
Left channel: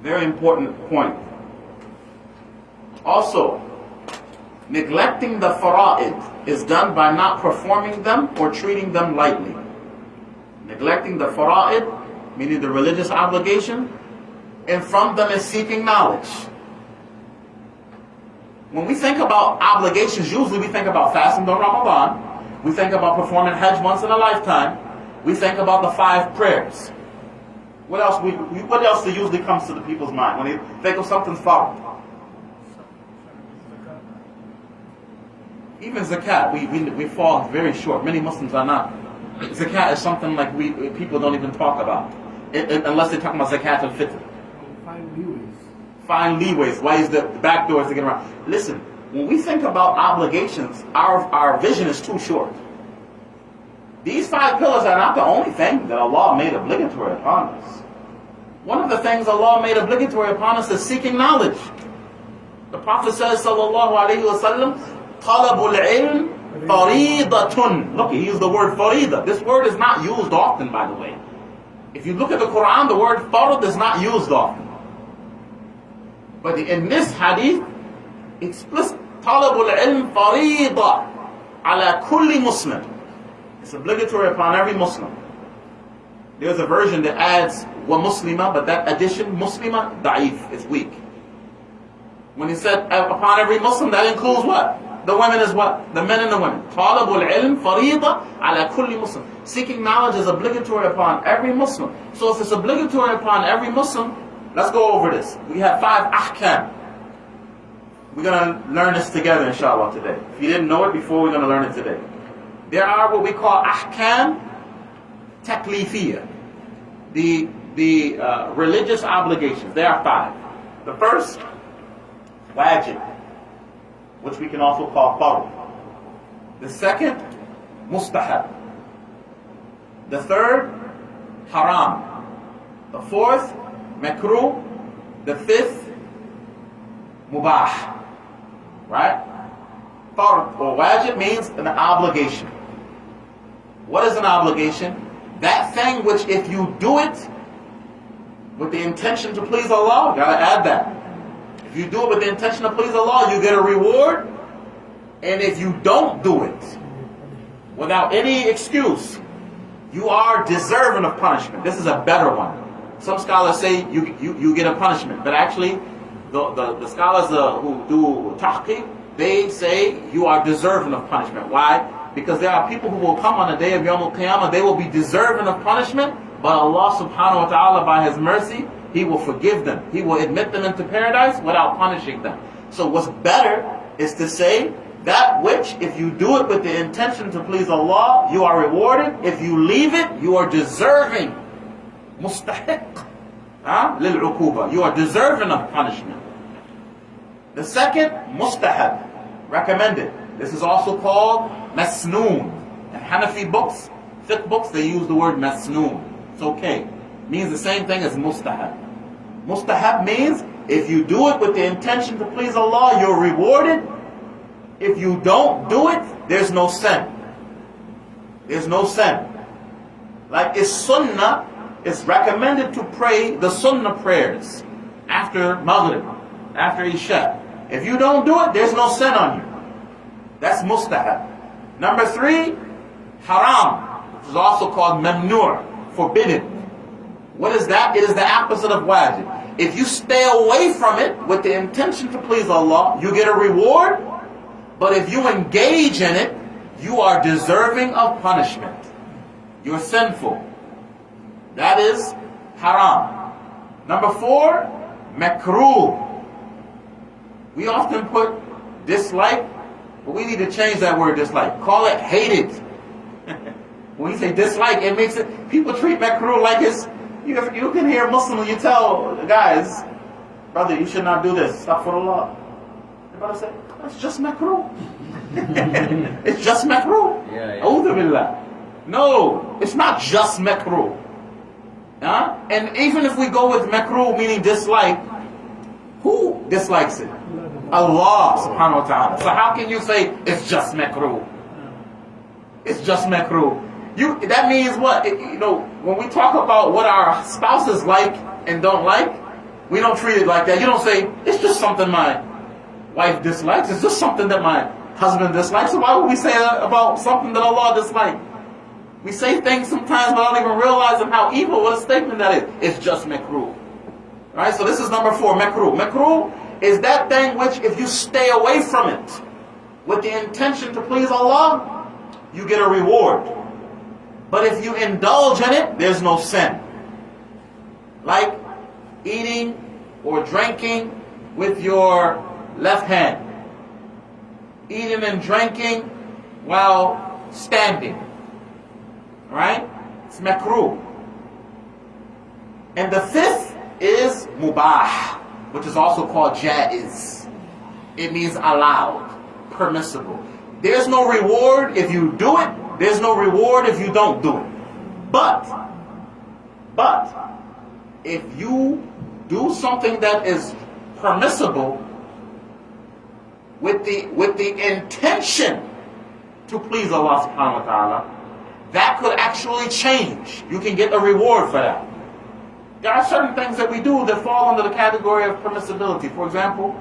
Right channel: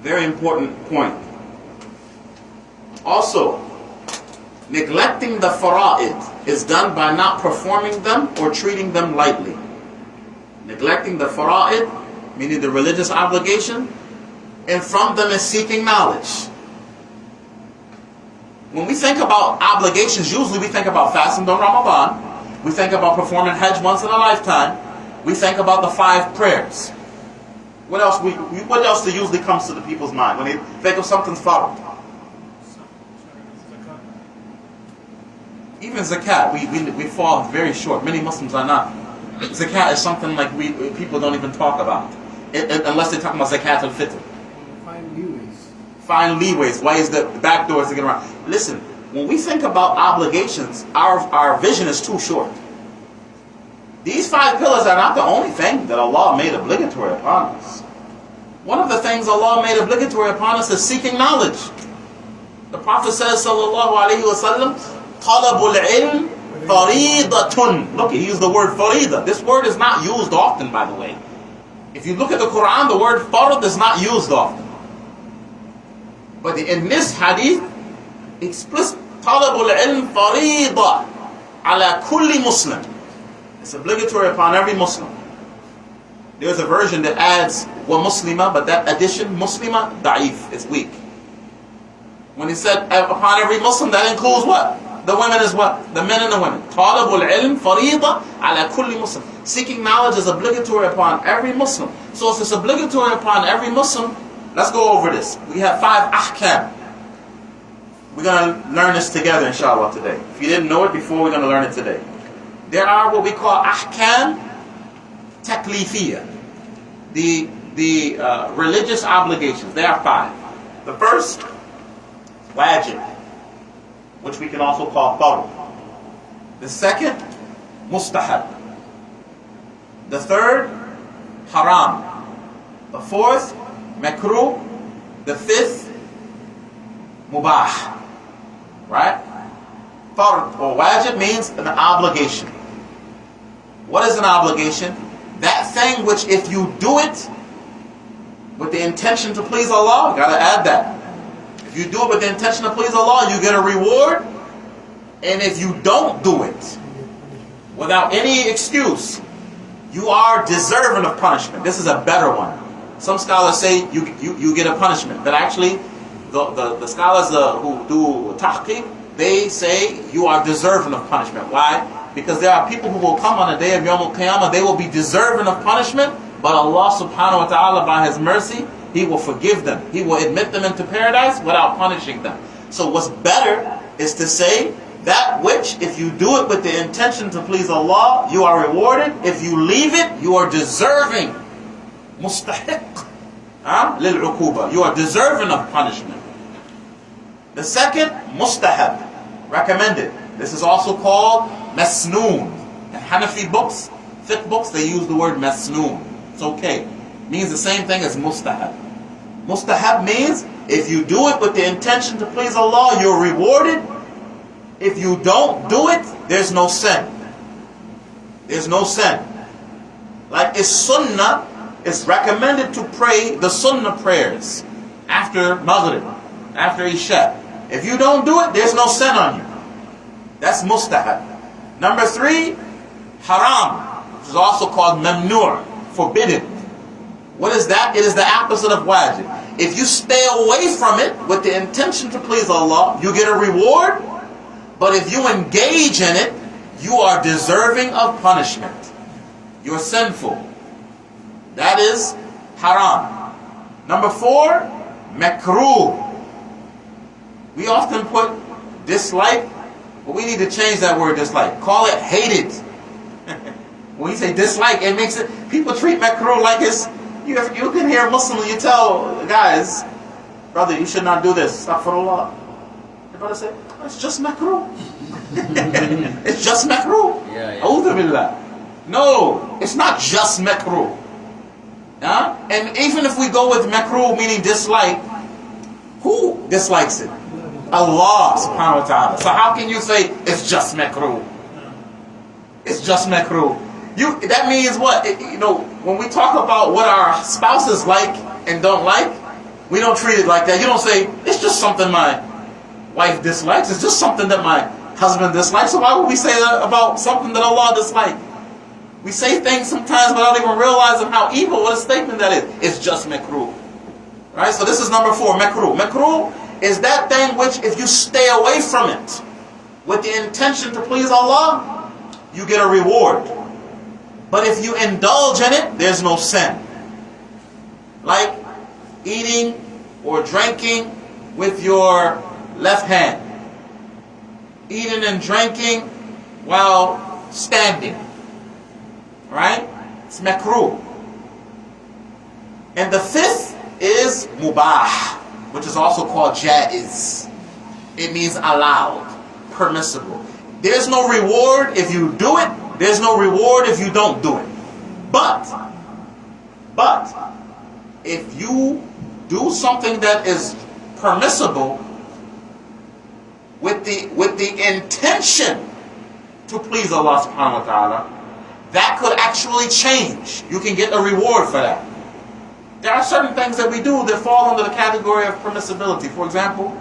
Very important point. Also, neglecting the fara'id is done by not performing them or treating them lightly. Neglecting the fara'id, meaning the religious obligation, and from them is seeking knowledge. When we think about obligations, usually we think about fasting during Ramadan. We think about performing Hajj once in a lifetime. We think about the 5 prayers. What else usually comes to the people's mind when they think of something's fard? Even zakat, we fall very short. Many Muslims are not. Zakat is something like people don't even talk about, unless they talk about zakat al-fitr. Find leeways, ways the back doors to get around. Listen, when we think about obligations, our vision is too short. These 5 pillars are not the only thing that Allah made obligatory upon us. One of the things Allah made obligatory upon us is seeking knowledge. The Prophet says, sallallahu alaihi wasallam, talabul ilm faridatun. Look, he used the word farida. This word is not used often, by the way. If you look at the Quran, the word farad is not used often. But in this hadith, explicit, talabul ilm farida ala kulli muslim. It's obligatory upon every Muslim. There's a version that adds wa muslima, but that addition, muslima, da'if, it's weak. When he said upon every Muslim, that includes what? The women as well. The men and the women. Talabul ilm farida ala kulli muslim. Seeking knowledge is obligatory upon every Muslim. So if it's obligatory upon every Muslim, let's go over this. We have 5 ahkam. We're going to learn this together, inshallah, today. If you didn't know it before, we're going to learn it today. There are what we call ahkam taklifiyah. The religious obligations. There are 5. The first, wajib, which we can also call fard. The second, mustahab. The third, haram. The fourth, makruh. The fifth, mubah. Right? Fard or wajib means an obligation. What is an obligation? That thing which if you do it with the intention to please Allah, you gotta add that. If you do it with the intention to please Allah, you get a reward. And if you don't do it without any excuse, you are deserving of punishment. This is a better one. Some scholars say you get a punishment, but actually the scholars who do tahqiq, they say you are deserving of punishment. Why? Because there are people who will come on the day of Yawm al-Qiyamah, they will be deserving of punishment, but Allah subhanahu wa ta'ala, by His mercy, He will forgive them. He will admit them into paradise without punishing them. So what's better is to say, that which, if you do it with the intention to please Allah, you are rewarded. If you leave it, you are deserving. Mustahiq. Lil-uquba. You are deserving of punishment. The second, mustahab. Recommended. This is also called masnoon. In Hanafi books, fiqh books, they use the word masnoon. It's okay. Means the same thing as mustahab. Mustahab means if you do it with the intention to please Allah, you're rewarded. If you don't do it, there's no sin. There's no sin. Like it's sunnah, it's recommended to pray the sunnah prayers after Maghrib, after Isha. If you don't do it, there's no sin on you. That's mustahab. Number 3, haram, which is also called mamnu', forbidden. What is that? It is the opposite of wajib. If you stay away from it with the intention to please Allah, you get a reward. But if you engage in it, you are deserving of punishment. You're sinful. That is haram. Number 4, makruh. We often put dislike, but we need to change that word dislike. Call it hated. When you say dislike, it makes it, people treat makruh like it's, you can hear a Muslim, you tell the guys, brother, you should not do this. Astaghfirullah. The brother say, it's just makruh. It's just makruh. A'udhu billah. No, it's not just makruh. And even if we go with makruh meaning dislike, who dislikes it? Allah subhanahu wa ta'ala. So how can you say it's just makruh? It's just makruh. That means what? When we talk about what our spouses like and don't like, we don't treat it like that. You don't say, it's just something my wife dislikes. It's just something that my husband dislikes. So why would we say that about something that Allah dislikes? We say things sometimes without even realizing how evil, what a statement that is. It's just makruh. Right? So this is number 4, makruh. Makruh is that thing which if you stay away from it with the intention to please Allah, you get a reward. But if you indulge in it, there's no sin. Like eating or drinking with your left hand. Eating and drinking while standing. Right? It's makruh. And the 5th is mubah, which is also called jaiz. It means allowed, permissible. There's no reward if you do it. There's no reward if you don't do it. But if you do something that is permissible with the intention to please Allah subhanahu wa ta'ala, that could actually change. You can get a reward for that. There are certain things that we do that fall under the category of permissibility. For example,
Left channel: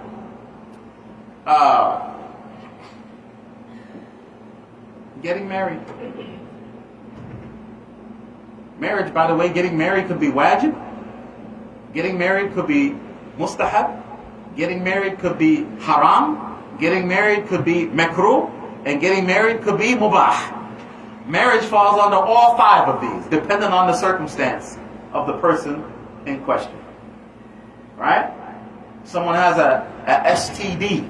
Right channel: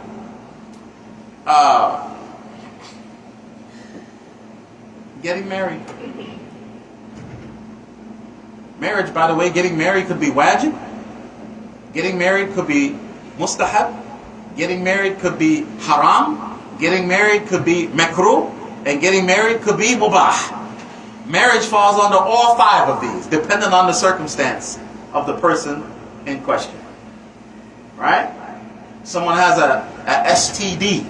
getting married. Marriage, by the way, getting married could be wajib. Getting married could be mustahab. Getting married could be haram. Getting married could be makruh. And getting married could be mubah. Marriage falls under all 5 of these, depending on the circumstance of the person in question. Right? Someone has a STD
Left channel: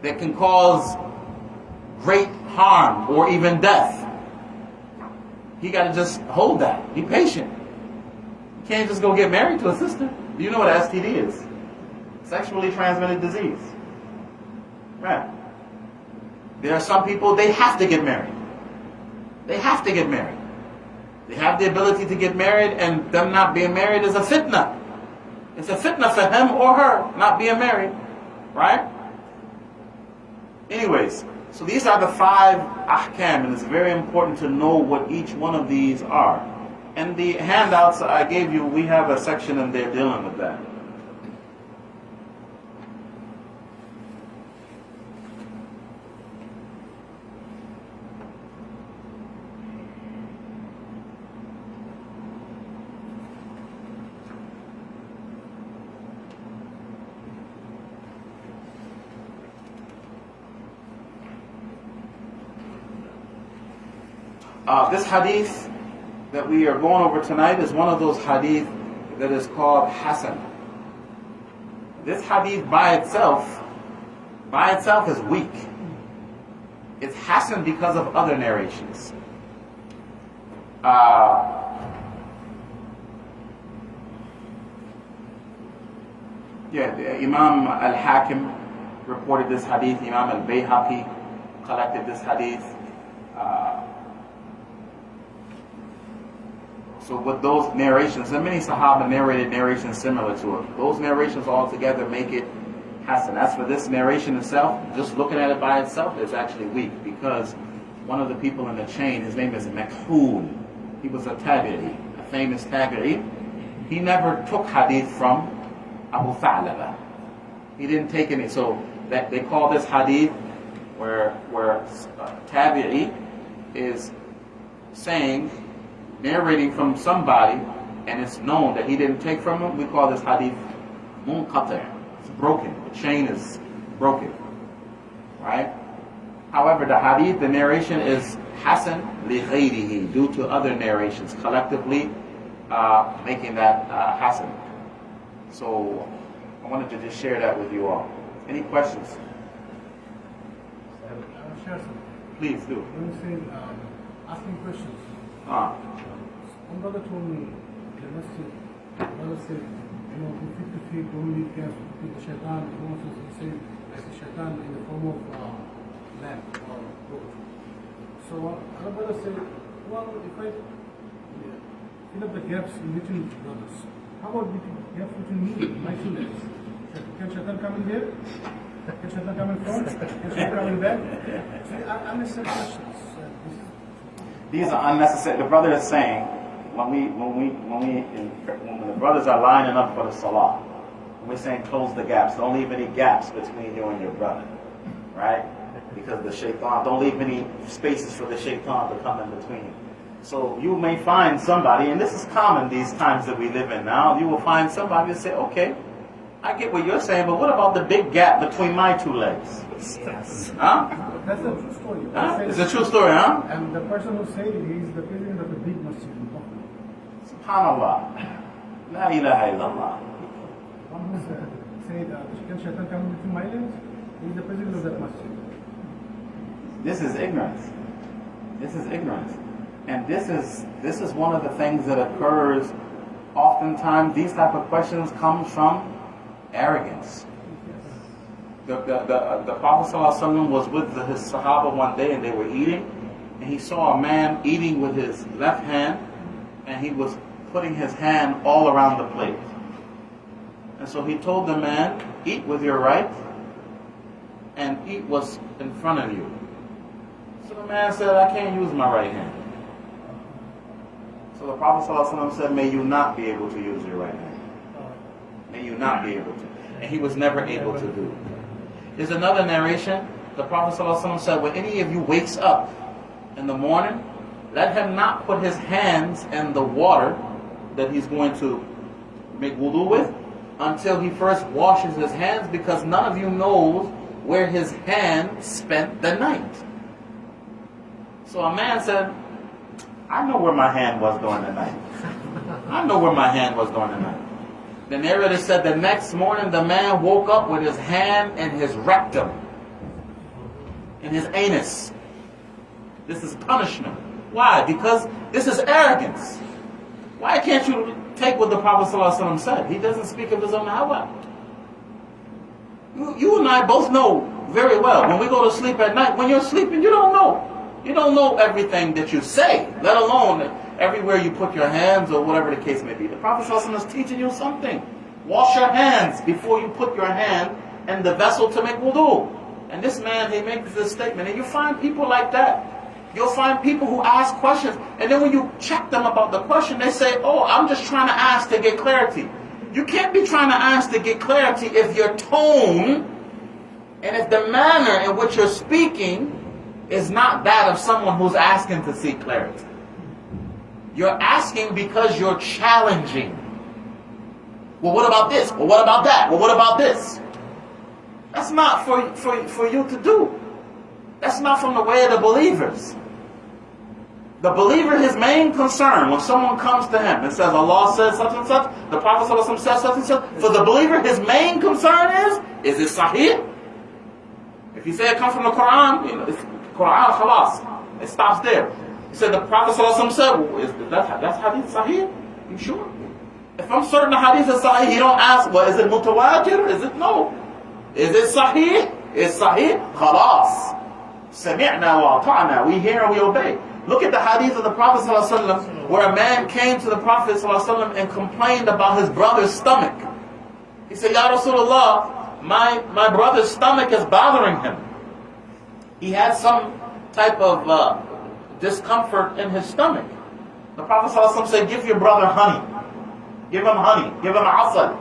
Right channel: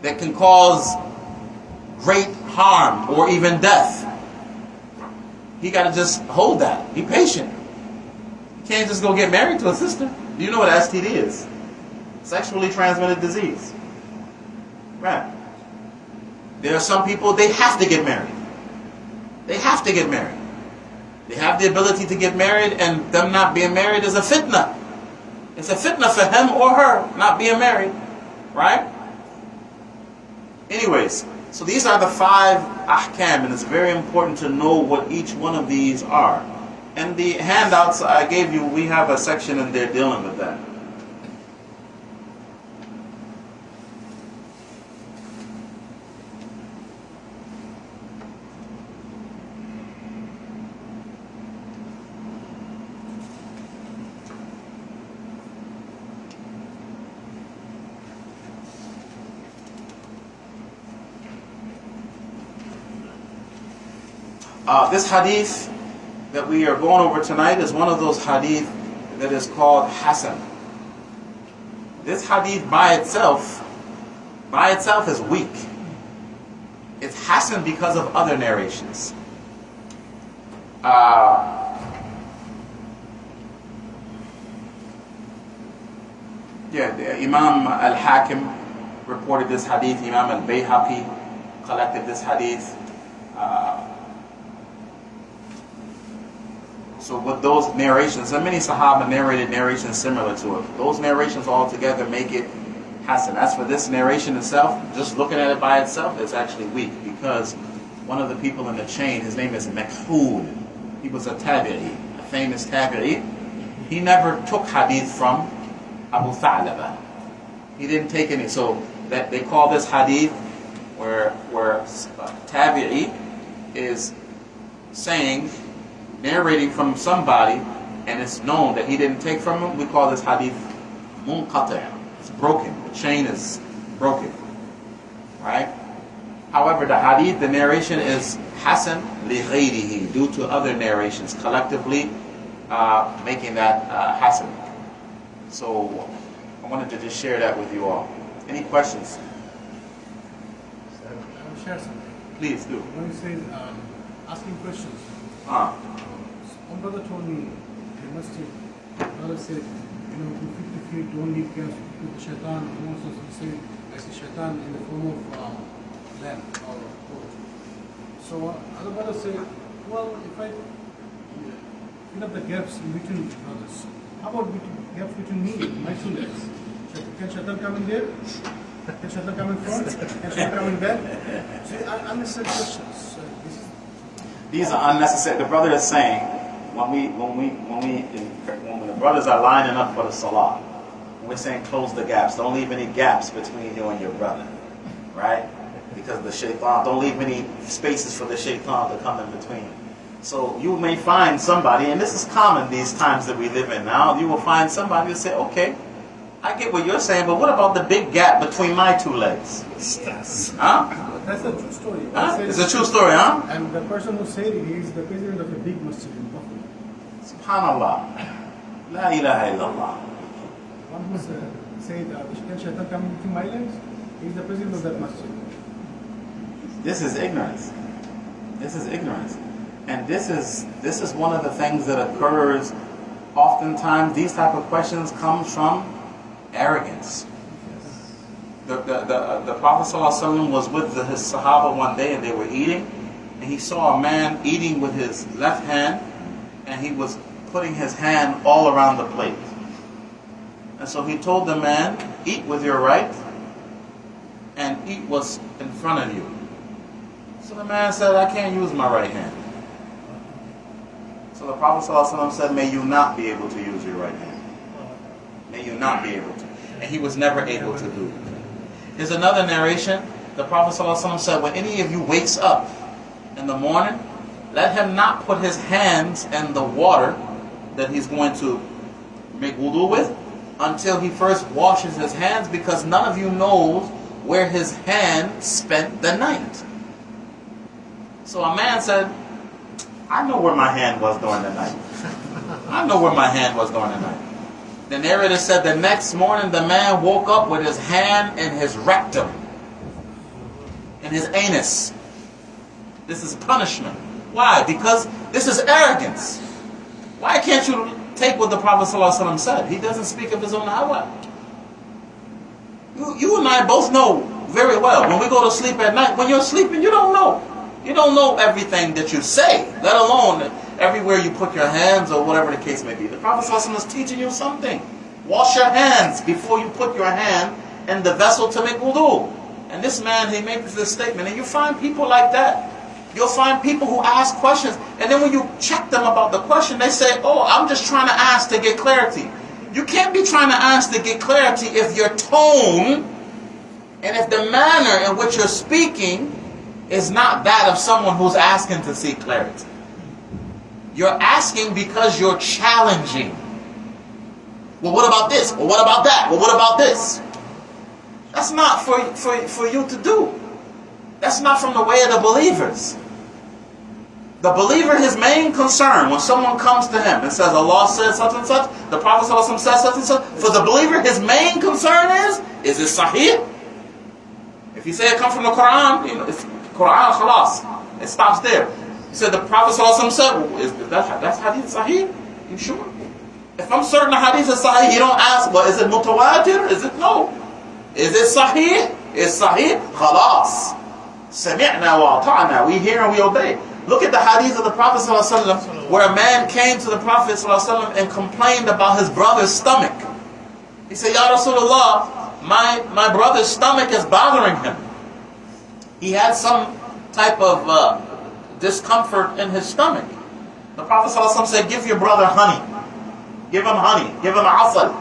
that can cause great harm or even death. He got to just hold that. Be patient. You can't just go get married to a sister. Do you know what STD is? Sexually transmitted disease. Right. There are some people, they have to get married. They have to get married. They have the ability to get married, and them not being married is a fitna. It's a fitna for him or her not being married. Right? Anyways, so these are the 5 ahkam, and it's very important to know what each one of these are. And the handouts I gave you, we have a section in there dealing with that. This hadith that we are going over tonight is one of those hadith that is called Hasan. This hadith by itself by itself is weak. It's hasan because of other narrations. Imam al-Hakim reported this hadith. Imam al-Bayhaqi collected this hadith. So with those narrations, and many Sahaba narrated narrations similar to it. Those narrations all together make it hasan. As for this narration itself, just looking at it by itself, it's actually weak, because one of the people in the chain, his name is Makhul. He was a tabi'i, a famous tabi'i. He never took hadith from Abu Tha'laba. He didn't take any. So that they call this hadith where tabi'i is saying, narrating from somebody, and it's known that he didn't take from him. We call this hadith munqati'. It's broken. The chain is broken. Right? However, the hadith, the narration is hasan li ghayrihi, due to other narrations collectively making that hasan. So I wanted to just share that with you all. Any questions? I will share something. Please do. When you say asking questions, one brother told me the masjid, brother said, 250 feet, don't leave gas to the shaitan. He also said, I see shaitan in the form of lamb or goat. So other brother said, well, if I fill up the gaps in between brothers, how about gaps between me and my two legs? Can shaitan come in there? Can shaitan come in front? Can shaitan come in back? So unnecessary questions. These are unnecessary. The brother is saying, when the brothers are lining up for the salah, we're saying close the gaps. Don't leave any gaps between you and your brother, right? Because the shaitan, don't leave any spaces for the shaitan to come in between. So you may find somebody, and this is common these times that we live in now, you will find somebody who say, okay, I get what you're saying, but what about the big gap between my two legs? Huh? That's a true story. Huh? It's a true story, huh? And the person who said it, he is the president of a big masjid in Bukhari. Subhanallah. La ilaha illallah. One who said, can shaitan come between my legs? He is the president of that masjid. This is ignorance. This is ignorance. And this is one of the things that occurs oftentimes. These type of questions come from arrogance. The Prophet ﷺ was with his Sahaba one day, and they were eating, and he saw a man eating with his left hand, and he was putting his hand all around the plate. And so he told the man, eat with your right, and eat what's in front of you. So the man said, I can't use my right hand. So the Prophet ﷺ said, may you not be able to use your right hand. May you not be able to. And he was never able to do it. There's another narration. The Prophet ﷺ said, when any of you wakes up in the morning, let him not put his hands in the water that he's going to make wudu with until he first washes his hands, because none of you knows where his hand spent the night. So a man said, I know where my hand was during the night. I know where my hand was during the night. The narrator said the next morning the man woke up with his hand in his rectum, in his anus. This is punishment. Why? Because this is arrogance. Why can't you take what the Prophet ﷺ said? He doesn't speak of his own hawa. You and I both know very well, when we go to sleep at night, when you're sleeping, you don't know. You don't know everything that you say, let alone everywhere you put your hands or whatever the case may be. The Prophet ﷺ is teaching you something. Wash your hands before you put your hand in the vessel to make wudu. And this man, he makes this statement. And you find people like that. You'll find people who ask questions, and then when you check them about the question, they say, oh, I'm just trying to ask to get clarity. You can't be trying to ask to get clarity if your tone and if the manner in which you're speaking is not that of someone who's asking to seek clarity. You're asking because you're challenging. Well, what about this? Well, what about that? Well, what about this? That's not for you to do. That's not from the way of the believers. The believer, his main concern, when someone comes to him and says, Allah said such and such, the Prophet ﷺ says such and such, for the believer, his main concern is it sahih? If you say it comes from the Quran, you know, it's Quran, khalas. It stops there. He said the Prophet ﷺ said, well, that's hadith sahih? You sure? If I'm certain the hadith is sahih, you don't ask, well, is it mutawatir? Is it no? Is it sahih? Is sahih? Khalas. Sami'na wa ata'na. We hear and we obey. Look at the hadith of the Prophet ﷺ, where a man came to the Prophet ﷺ and complained about his brother's stomach. He said, Ya Rasulullah, my brother's stomach is bothering him. He had some type of discomfort in his stomach. The Prophet ﷺ said, give your brother honey. Give him honey. Give him asal.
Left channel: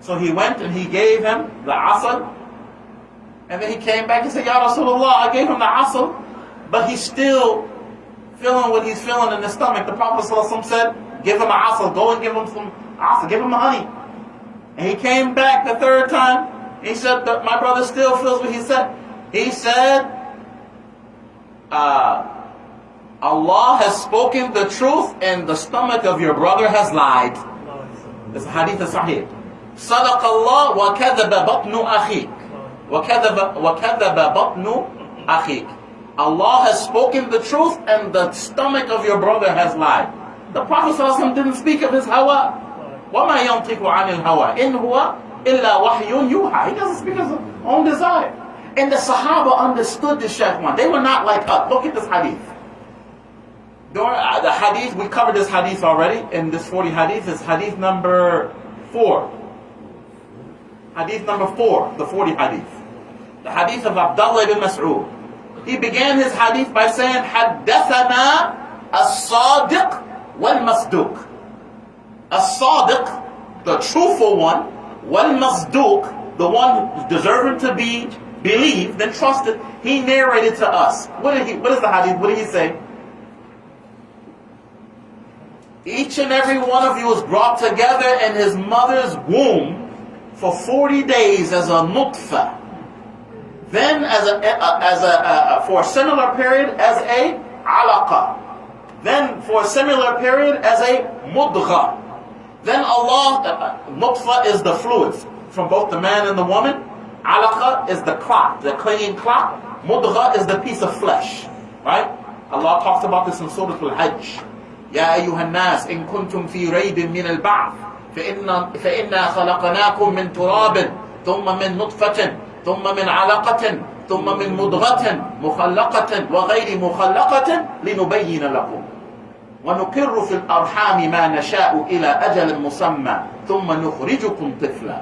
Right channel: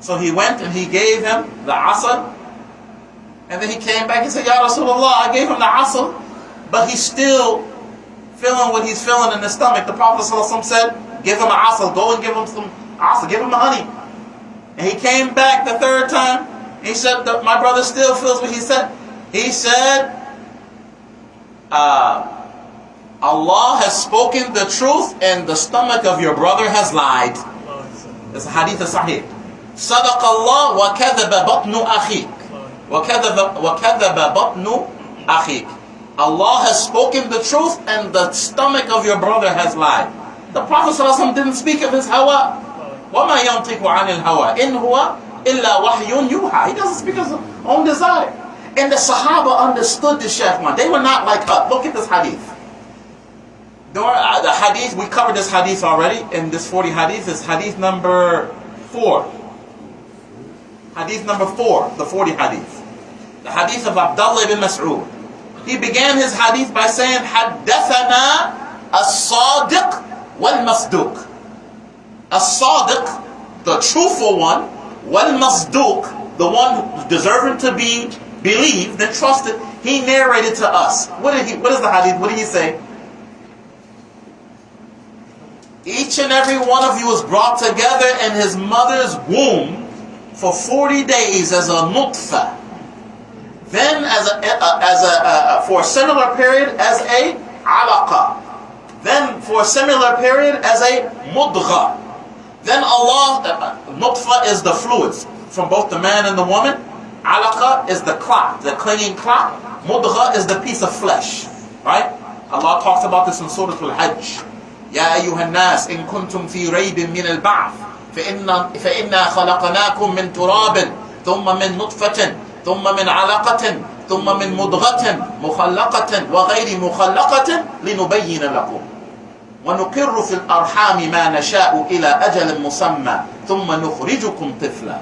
So he went and he gave him the asal. And then he came back and said, Ya Rasulullah, I gave him the asal, but he's still feeling what he's feeling in his stomach. The Prophet ﷺ said, give him asal. Go and give him some asal. Give him honey. And he came back the third time. He said, my brother still feels what he said. He said, Allah has spoken the truth and the stomach of your brother has lied. It's a hadith sahih. صدق الله وكذب بطن أخيك وكذب بطن أخيك. Allah has spoken the truth and the stomach of your brother has lied. The Prophet ﷺ didn't speak of his hawa. وَمَا يَنْطِقُ عَنِ الْهَوَىٰ إِنْ هُوَ إِلَّا وَحْيٌ يُوحَىٰ. He doesn't speak of his own desire. And the Sahaba understood this, Shaykh one. They were not like us. Look at this hadith. During the hadith, we covered this hadith already. In this 40 hadith, is hadith number 4. Hadith number 4, the 40 hadith. The hadith of Abdullah ibn Mas'ud. He began his hadith by saying, حَدَّثَنَا الصَّادِقُ وَالْمَصْدُوقُ. As-Sadiq, the truthful one, wal-Masduq, the one deserving to be believed and trusted, he narrated to us. What is the hadith? What did he say? Each and every one of you was brought together in his mother's womb for 40 days as a nutfa. Then for a similar period as a alaqa. Then for a similar period as a mudgha. Then Allah, nutfa is the fluids from both the man and the woman. Alaqa is the clot, the clinging clot. Mudgha is the piece of flesh. Right? Allah talks about this in Surah Al-Hajj. يا أيها الناس إن كنتم في ريب من البعث فإنا خلقناكم من تراب ثم من نطفة ثم من علقة ثم من مضغة مخلقة وغير مخلقة لنبين لكم ونقر في الأرحام ما نشاء إلى أجل مسمى ثم نخرجكم طفلا.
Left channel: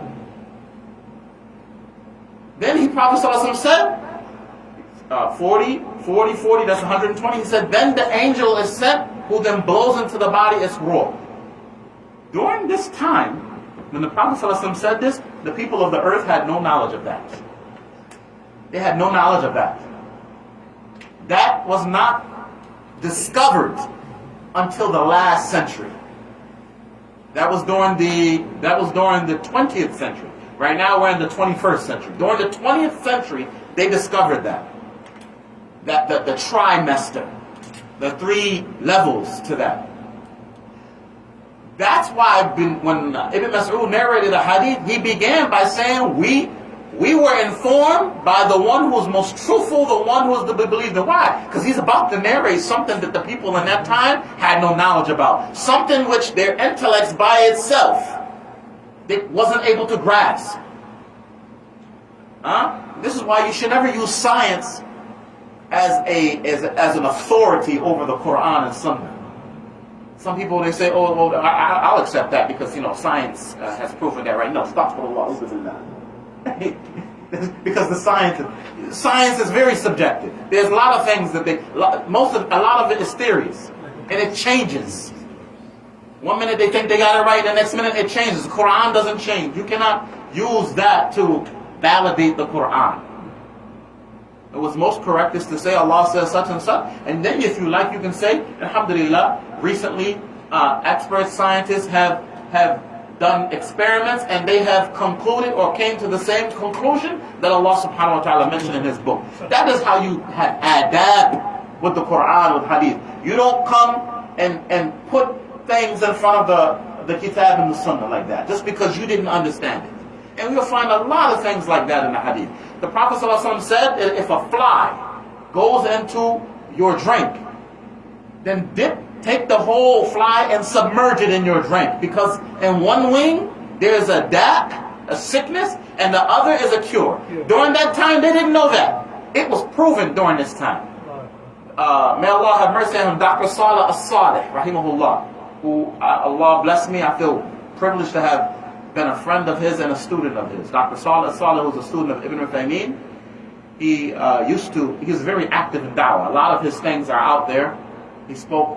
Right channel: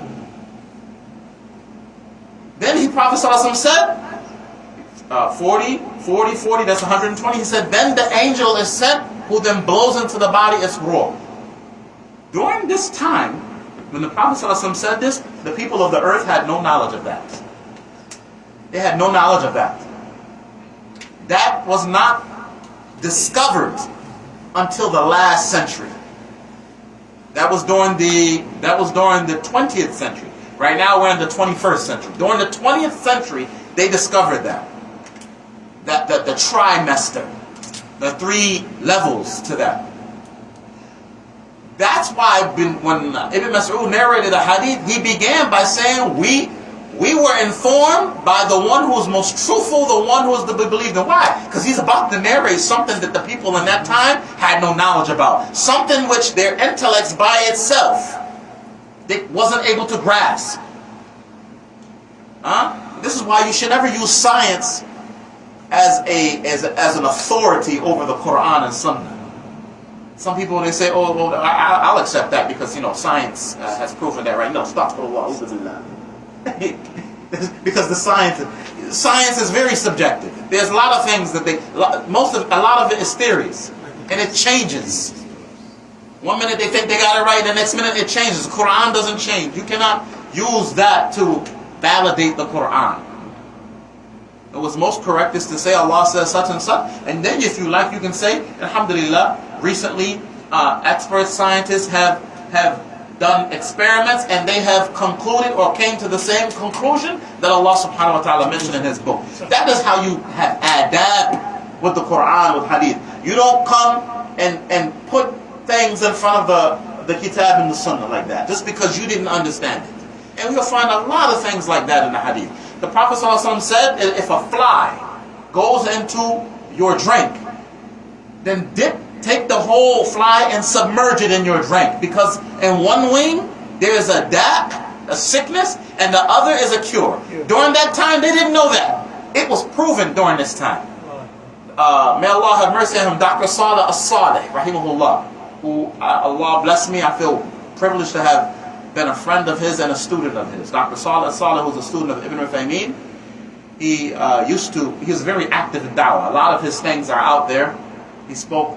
Then the Prophet ﷺ said, 40, that's 120. He said, then the angel is sent who then blows into the body its ruh. During this time, when the Prophet ﷺ said this, the people of the earth had no knowledge of that. They had no knowledge of that. That was not discovered until the last century. That was during the 20th century. Right now we're in the 21st century. During the 20th century, they discovered that the trimester, the 3 levels to that. That's why when Ibn Mas'ud narrated the hadith, he began by saying, we were informed by the one who was most truthful, the one who was to be believed in. Why? Because he's about to narrate something that the people in that time had no knowledge about. Something which their intellects by itself, they wasn't able to grasp. This is why you should never use science as an authority over the Quran and Sunnah. Some people, they say, oh, well, I'll accept that because, science has proven that, right? No, astaghfirullah. Because the science is very subjective. There's a lot of things that a lot of it is theories, and it changes. One minute they think they got it right, the next minute it changes. The Quran doesn't change. You cannot use that to validate the Quran. What's most correct is to say Allah says such and such, and then if you like, you can say, alhamdulillah, recently expert scientists have done experiments and they have concluded or came to the same conclusion that Allah subhanahu wa ta'ala mentioned in his book. That is how you have adab with the Quran, with hadith. You don't come and put things in front of the kitab and the sunnah like that, just because you didn't understand it. And we'll find a lot of things like that in the hadith. The Prophet ﷺ said, if a fly goes into your drink, then take the whole fly and submerge it in your drink. Because in one wing, there's a sickness, and the other is a cure. During that time, they didn't know that. It was proven during this time. May Allah have mercy on him, Dr. Salih As-Salih, rahimahullah, who Allah bless me, I feel privileged to have been a friend of his and a student of his. Dr. Salih As-Salih, who's a student of Ibn Uthaymeen, he was very active in da'wah. A lot of his things are out there. He spoke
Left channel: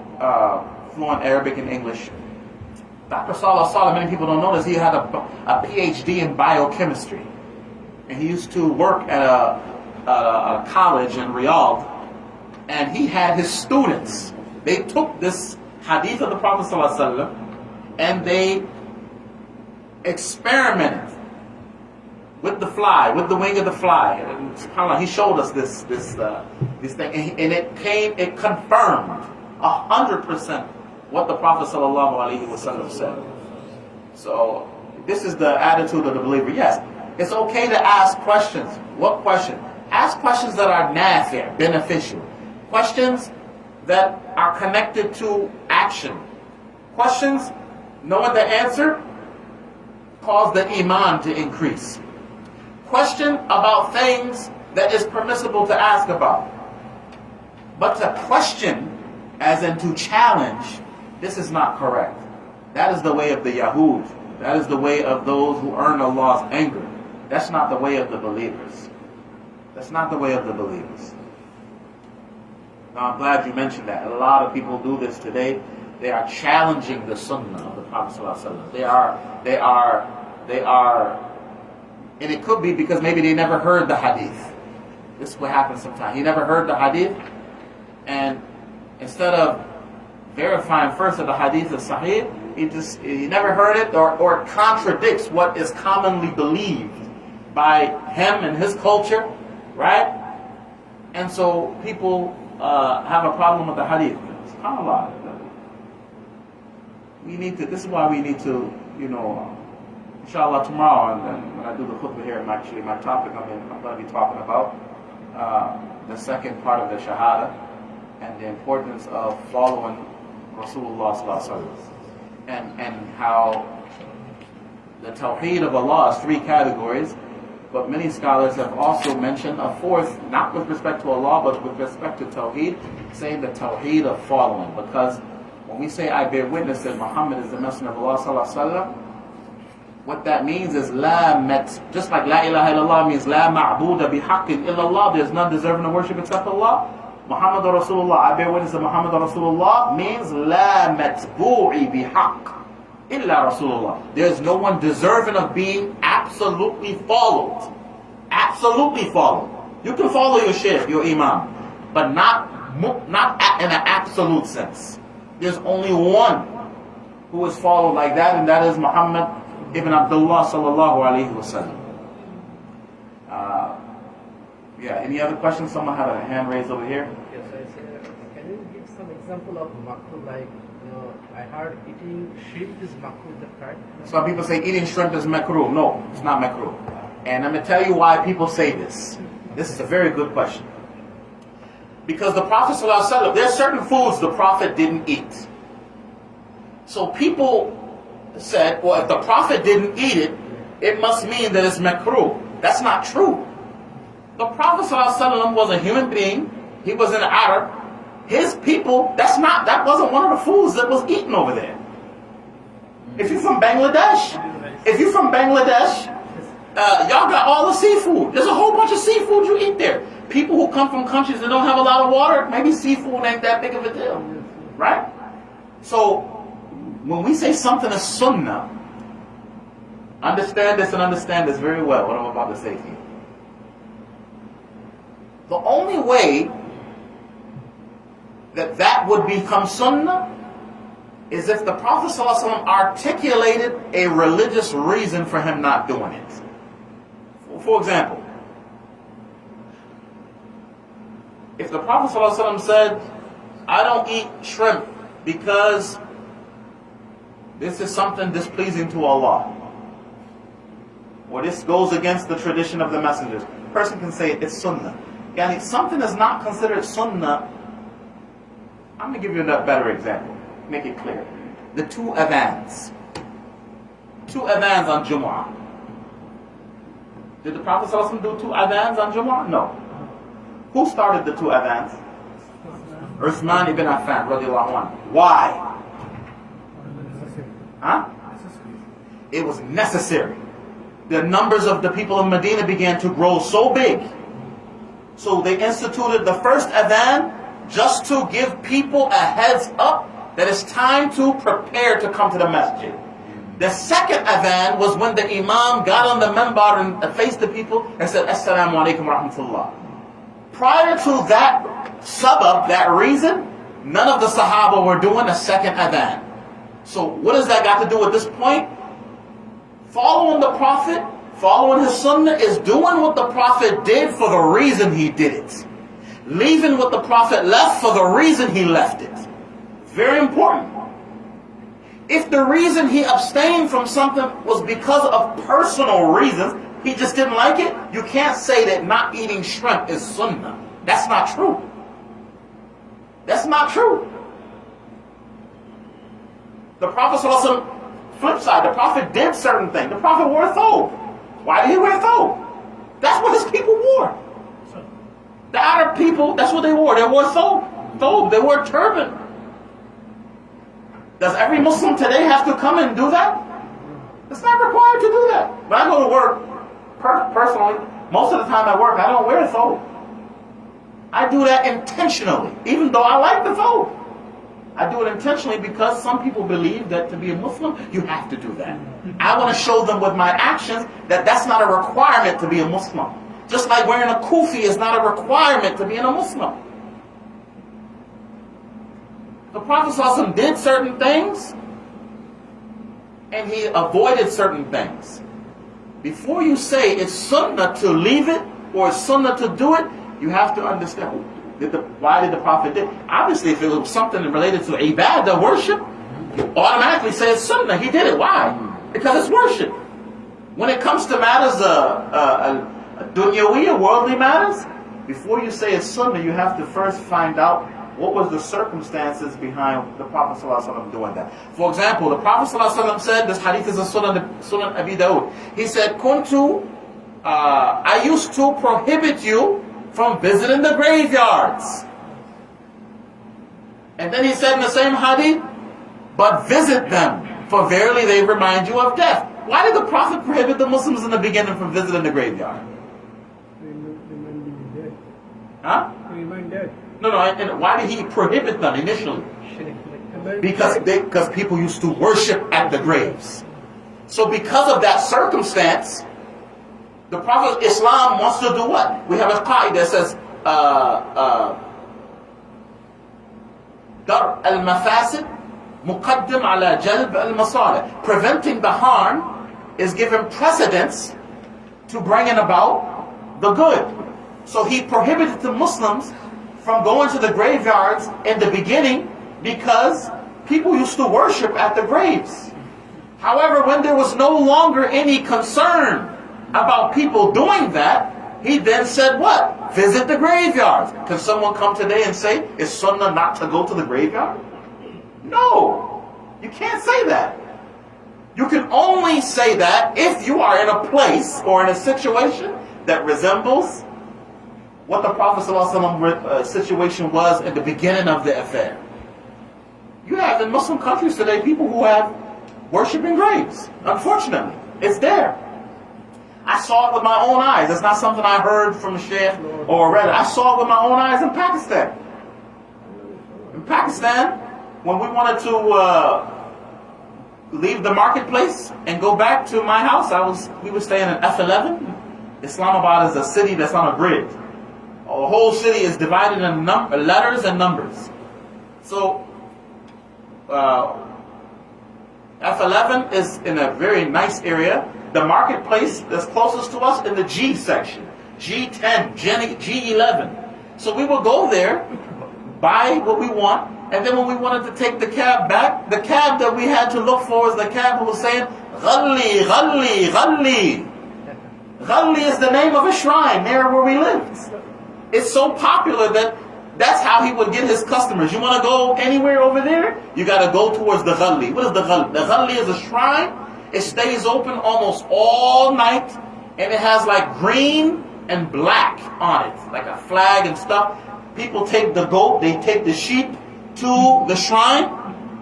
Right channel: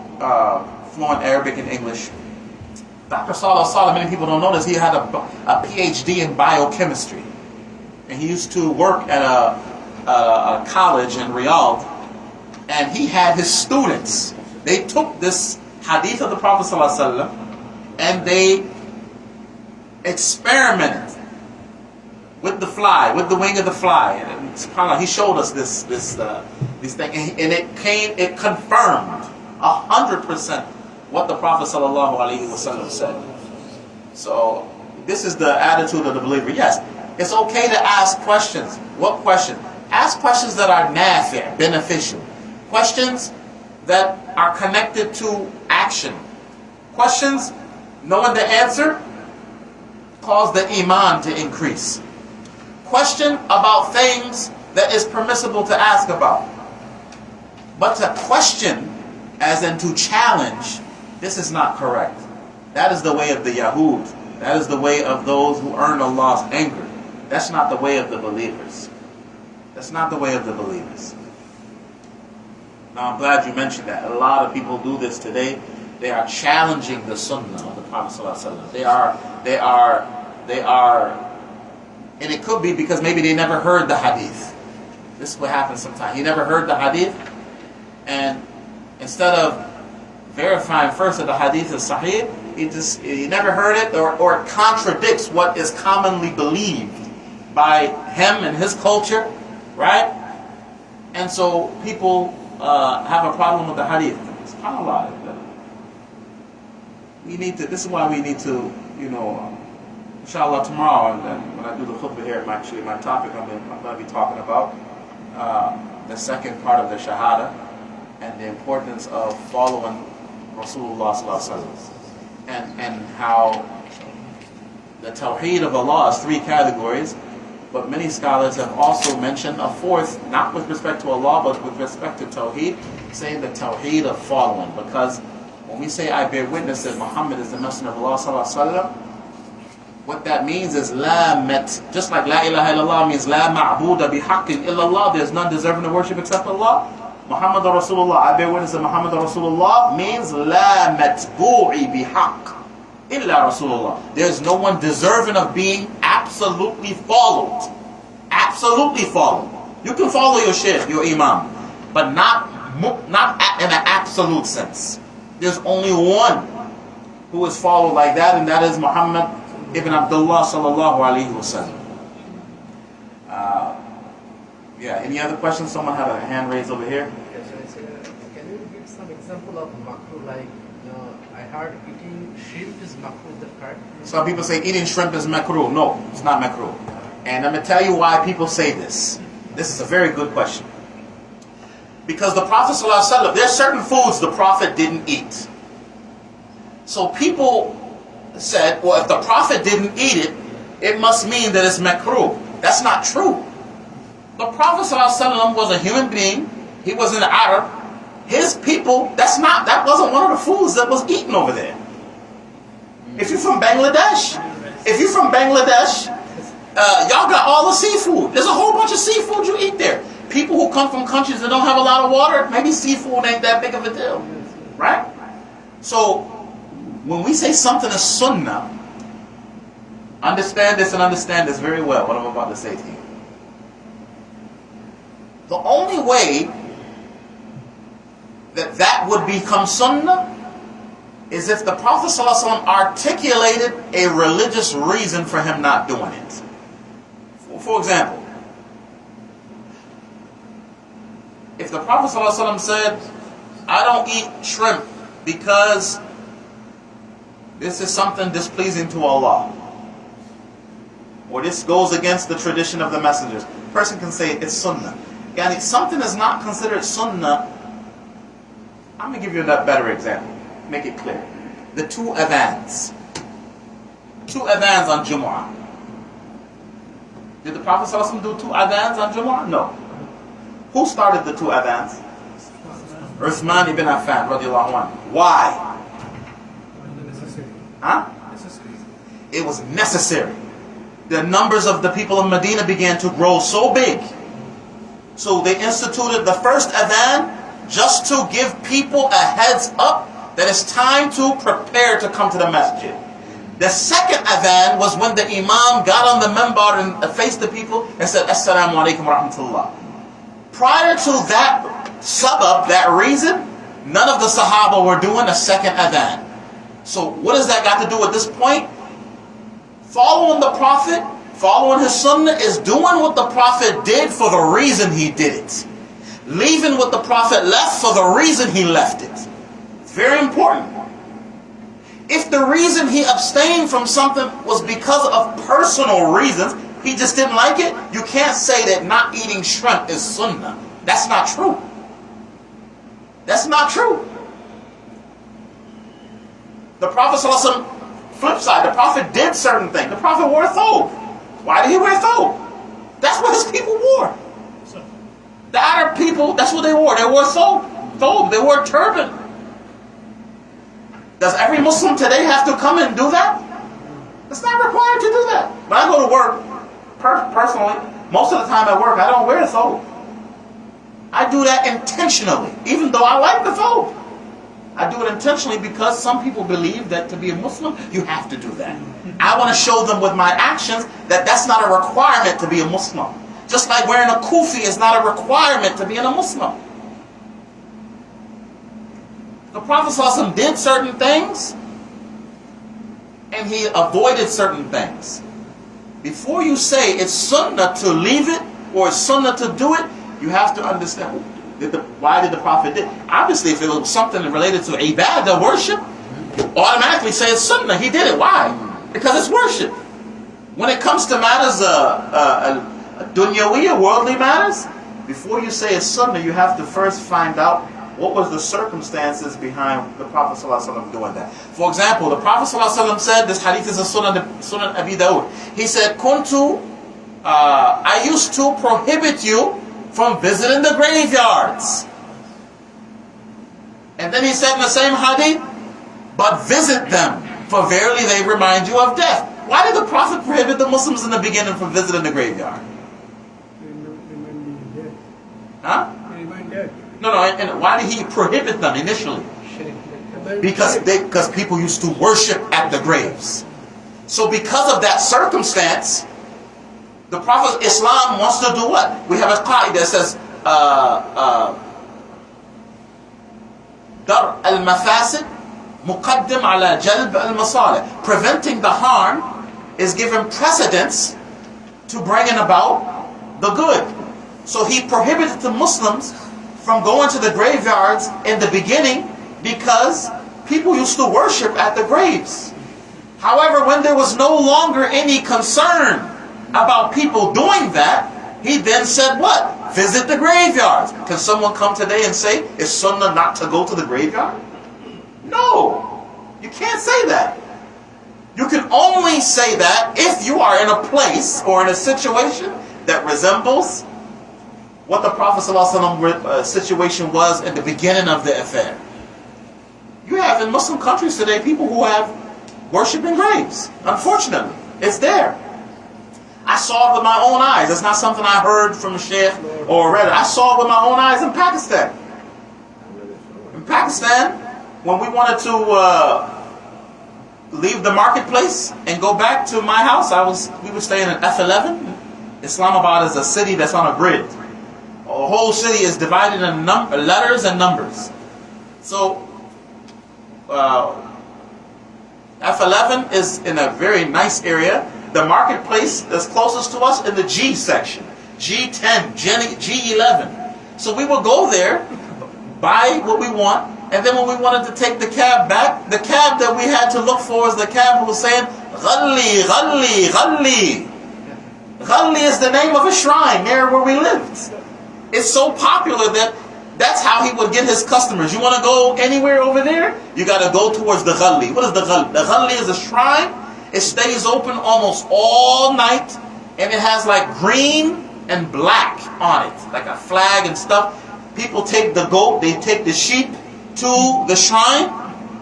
fluent Arabic and English. Dr. Salih As-Salih, many people don't know this, he had a PhD in biochemistry. And he used to work at a college in Riyadh. And he had his students, they took this hadith of the Prophet ﷺ and they experimented with the fly, with the wing of the fly. And subhanAllah, he showed us this thing, and it confirmed 100% what the Prophet ﷺ said. So this is the attitude of the believer. Yes, it's okay to ask questions. What question? Ask questions that are nafi', beneficial. Questions that are connected to action. Questions, knowing the answer, cause the iman to increase. Question about things that is permissible to ask about. But to question, as in to challenge, this is not correct. That is the way of the Yahud. That is the way of those who earn Allah's anger. That's not the way of the believers. That's not the way of the believers. Now I'm glad you mentioned that. A lot of people do this today. They are challenging the sunnah of the Prophet ﷺ. They are, and it could be because maybe they never heard the hadith. This is what happens sometimes. He never heard the hadith, and instead of verifying first that the hadith is sahih, he never heard it, or it contradicts what is commonly believed by him and his culture, right? And so people have a problem with the hadith. SubhanAllah. This is why we need to, inshallah tomorrow, and when I do the khutbah here, my topic I'm going to be talking about the second part of the shahada and the importance of following Rasulullah sallallahu alaihi wasallam, and how the Tawheed of Allah is 3 categories. But many scholars have also mentioned a 4th, not with respect to Allah, but with respect to Tawheed, saying the Tawheed of following. Because when we say, I bear witness that Muhammad is the Messenger of Allah sallallahu alaihi wasallam, what that means is just like La ilaha illallah means La ma'buda bihaqqin illallah, there's none deserving of worship except Allah. Muhammad Rasulullah, I bear witness that Muhammad Rasulullah means La matbu'i bihaqq illa Rasulullah. There's no one deserving of being absolutely followed. Absolutely followed. You can follow your shaykh, your imam, but not in an absolute sense. There's only one who is followed like that, and that is Muhammad ibn Abdullah sallallahu alaihi wasallam. Any other questions? Someone had a hand raised over here. Yes, can you give some example of makruh? Like, I heard eating shrimp is makruh, the correct? Some people say eating shrimp is makruh. No, it's not makruh. And I'm going to tell you why people say this. This is a very good question. Because the Prophet ﷺ, there are certain foods the Prophet didn't eat. So people said, well, if the Prophet didn't eat it, it must mean that it's makruh. That's not true. The Prophet ﷺ was a human being. He was an Arab. His people, that wasn't one of the foods that was eaten over there. If you're from Bangladesh, y'all got all the seafood. There's a whole bunch of seafood you eat there. People who come from countries that don't have a lot of water, maybe seafood ain't that big of a deal, right? So when we say something is sunnah, understand this and understand this very well, what I'm about to say to you. The only way that would become sunnah is if the Prophet ﷺ articulated a religious reason for him not doing it. For example, if the Prophet ﷺ said, I don't eat shrimp because this is something displeasing to Allah, or this goes against the tradition of the messengers, person can say it's sunnah. Yani something is not considered sunnah. I'm going to give you a better example. Make it clear. The two adhans. Two adhans on Jumu'ah. Did the Prophet ﷺ do two adhans on Jumu'ah? No. Who started the two adhans? Uthman ibn Affan radiallahu anhu. Why? Huh? It was necessary. The numbers of the people of Medina began to grow so big. So they instituted the first adhan just to give people a heads up that it's time to prepare to come to the masjid. The second adhan was when the Imam got on the minbar and faced the people and said, Assalamu alaikum wa rahmatullah. Prior to that sabab, that reason, none of the Sahaba were doing a second adhan. So what has that got to do with this point? Following the Prophet, following his sunnah is doing what the Prophet did for the reason he did it. Leaving what the Prophet left for the reason he left it. It's very important. If the reason he abstained from something was because of personal reasons, he just didn't like it, you can't say that not eating shrimp is sunnah. That's not true. That's not true. The Prophet ﷺ, flip side, the Prophet did certain things. The Prophet wore a thobe. Why did he wear a thobe? That's what his people wore. The Arab people, that's what they wore. They wore a thobe. They wore a turban. Does every Muslim today have to come and do that? It's not required to do that. When I go to work, personally, most of the time at work, I don't wear a thobe. I do that intentionally, even though I like the thobe. I do it intentionally because some people believe that to be a Muslim, you have to do that. I want to show them with my actions that that's not a requirement to be a Muslim. Just like wearing a kufi is not a requirement to being a Muslim. The Prophet ﷺ did certain things and he avoided certain things. Before you say it's sunnah to leave it or it's sunnah to do it, you have to understand why did the Prophet do it. Obviously, if it was something related to ibadah, worship, you automatically say it's sunnah. He did it. Why? Because it's worship. When it comes to matters dunyawī, worldly matters, before you say it's sunnah, you have to first find out what was the circumstances behind the Prophet ﷺ doing that. For example, the Prophet ﷺ said, this hadith is a Sunan Abi Dawud. He said, I used to prohibit you from visiting the graveyards. And then he said in the same hadith, but visit them, for verily they remind you of death. Why did the Prophet prohibit the Muslims in the beginning from visiting the graveyard? Remind dead. Huh? Remind dead. No, and why did he prohibit them initially? Because people used to worship at the graves. So because of that circumstance, the Prophet Islam wants to do what? We have a qaida that says, Dar al-mafasid muqaddim ala jalb al-masalih. Preventing the harm is given precedence to bringing about the good. So he prohibited the Muslims from going to the graveyards in the beginning because people used to worship at the graves. However, when there was no longer any concern about people doing that, he then said what? Visit the graveyards. Can someone come today and say, it's sunnah not to go to the graveyard? No, you can't say that. You can only say that if you are in a place or in a situation that resembles what the Prophet ﷺ situation was in the beginning of the affair. You have in Muslim countries today people who have worshiping graves. Unfortunately, it's there. I saw it with my own eyes. It's not something I heard from the Sheikh or read it. I saw it with my own eyes in Pakistan. In Pakistan, when we wanted to leave the marketplace and go back to my house, we were staying in F11. Islamabad is a city that's on a grid. The whole city is divided in letters and numbers. So F11 is in a very nice area. The marketplace is closest to us in the G section. G10, G11. So we would go there, buy what we want, and then when we wanted to take the cab back, the cab that we had to look for is the cab who was saying, Ghalli, Ghalli, Ghalli. Ghalli is the name of a shrine near where we lived. It's so popular that that's how he would get his customers. You want to go anywhere over there? You got to go towards the Ghalli. What is the Ghalli? The Ghalli is a shrine. It stays open almost all night, and it has like green and black on it, like a flag and stuff. People take the goat, they take the sheep to the shrine.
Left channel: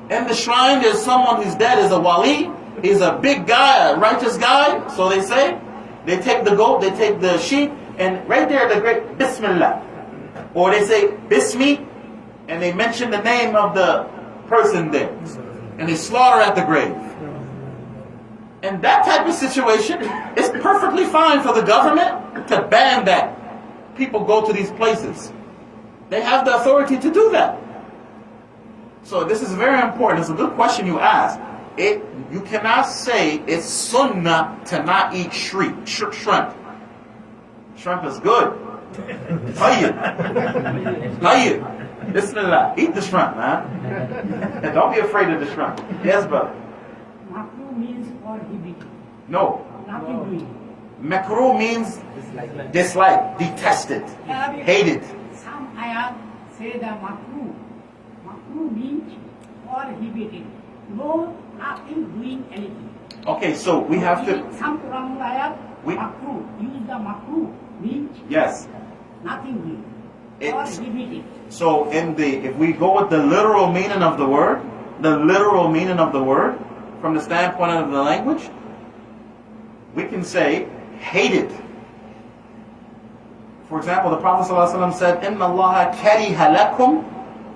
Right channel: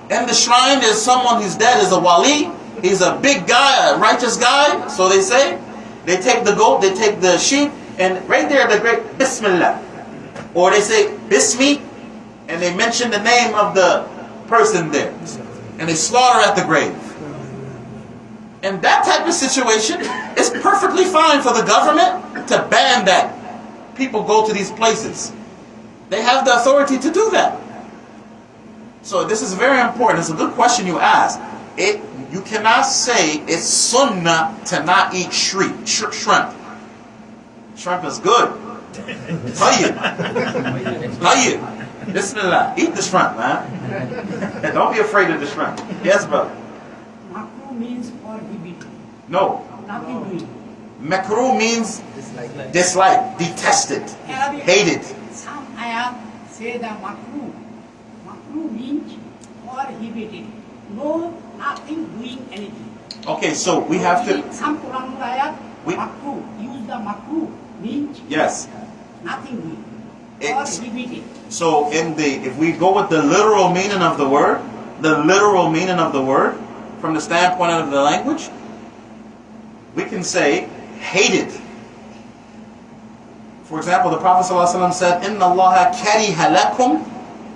And the shrine, there's someone who's dead, is a wali. He's a big guy, a righteous guy, so they say. They take the goat, they take the sheep, and right there the great Bismillah. Or they say Bismi, and they mention the name of the person there. And they slaughter at the grave. And that type of situation is perfectly fine for the government to ban that. People go to these places. They have the authority to do that. So this is very important. It's a good question you asked. You cannot say it's sunnah to not eat shrimp. Shrimp is good. Tayyib. Bismillah. Eat the shrimp, man. And don't be afraid of the shrimp. Yes, brother. Makruh means prohibited. No. Nothing doing. Makruh means dislike, detested, hated. Some ayat say the makruh. Makruh means prohibited. No, nothing doing anything. Okay, so we have to. Some Quran ayat, makruh. Use the makruh means Yes. nothing doing. It's, Prohibited. so if we go with the literal meaning of the word, from the standpoint of the language, we can say hated. For example, the Prophet ﷺ said, "Inna Allah kariha lakum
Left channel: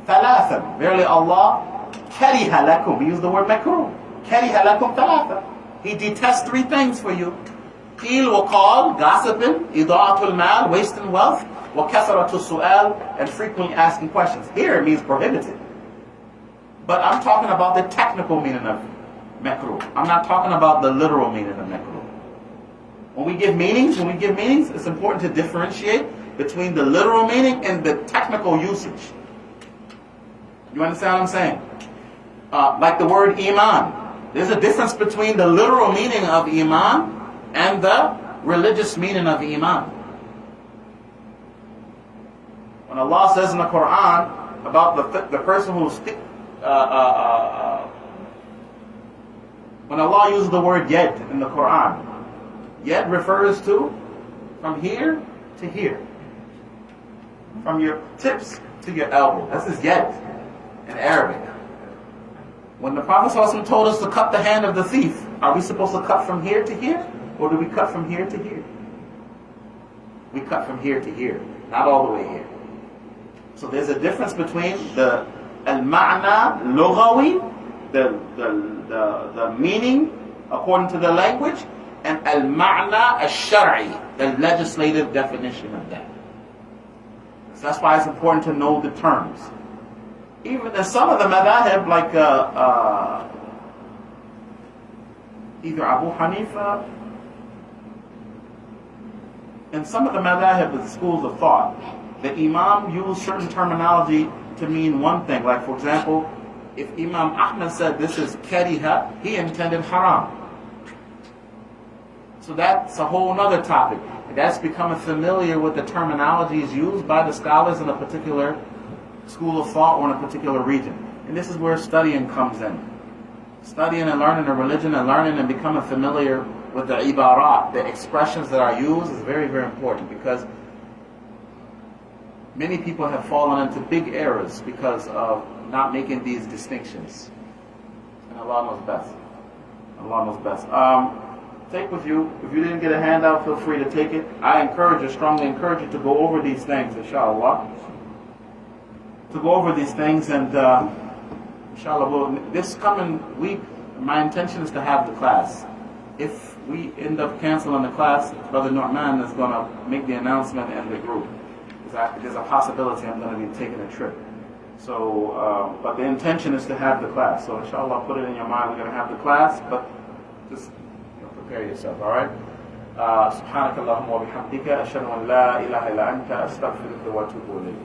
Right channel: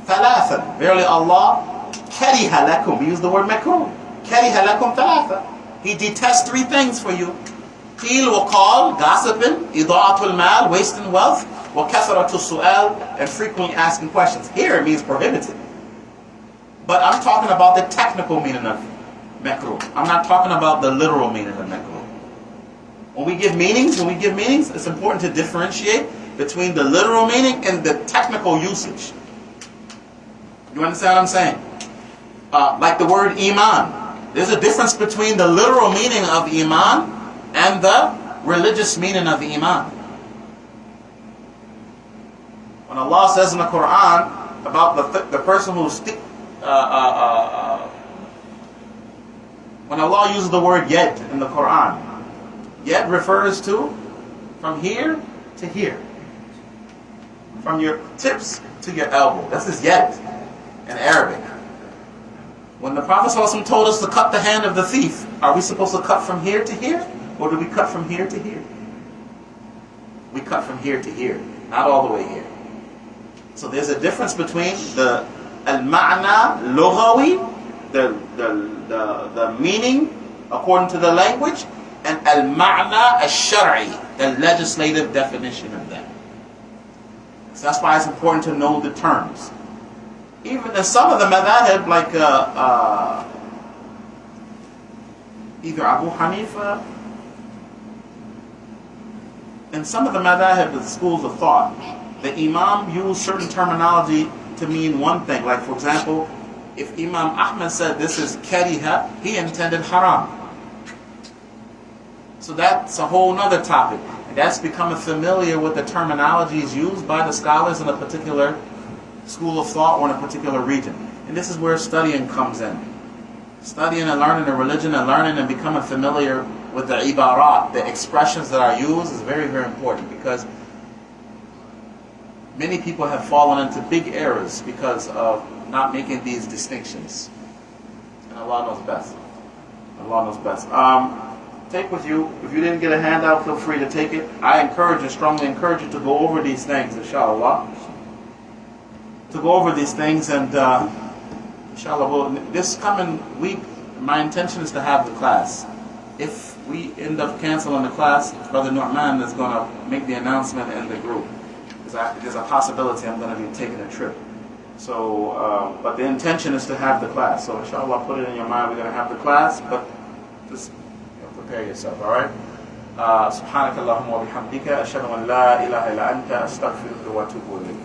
thalathan." Verily Allah kariha lakum. We use the word makruh. Kariha lakum thalathan. He detests three things for you. Qil wa qal, gossiping, ida'atul mal, wasting wealth, wa kathratu su'al, and frequently asking questions. Here it means prohibited. But I'm talking about the technical meaning of makruh. I'm not talking about the literal meaning of makruh. When we give meanings, it's important to differentiate between the literal meaning and the technical usage. You understand what I'm saying? Like the word iman. There's a difference between the literal meaning of iman and the religious meaning of iman. When Allah says in the Quran about the person who's when Allah uses the word yad in the Quran, yad refers to from here to here, from your tips to your elbow. This is yad in Arabic. When the Prophet ﷺ told us to cut the hand of the thief, are we supposed to cut from here to here, or do we cut from here to here? We cut from here to here, not all the way here. So there's a difference between the al-ma'na lughawi, the meaning according to the language, and al-ma'na al-shar'i, the legislative definition of that. So that's why it's important to know the terms. Even in some of the madhahib, like either Abu Hanifa, in some of the madhahib, the schools of thought, the Imam used certain terminology to mean one thing. Like, for example, if Imam Ahmad said this is kariha, he intended haram. So that's a whole other topic. And that's becoming familiar with the terminologies used by the scholars in a particular school of thought or in a particular region. And this is where studying comes in. Studying and learning the religion and learning and becoming familiar with the ibarat, the expressions that are used, is very, very important, because many people have fallen into big errors because of not making these distinctions. And Allah knows best. Allah knows best. Take with you, if you didn't get a handout, feel free to take it. I strongly encourage you to go over these things, inshallah. To go over these things, and inshallah, this coming week, my intention is to have the class. If we end up canceling the class, Brother Nu'man is going to make the announcement in the group. There's a possibility I'm going to be taking a trip. So, but the intention is to have the class. So inshallah, put it in your mind, we're going to have the class, but just prepare yourself, all right? سبحانك اللهم وبحمدك أشهد أن لا إله إلا أنت أستغفرك وأتوب إليك.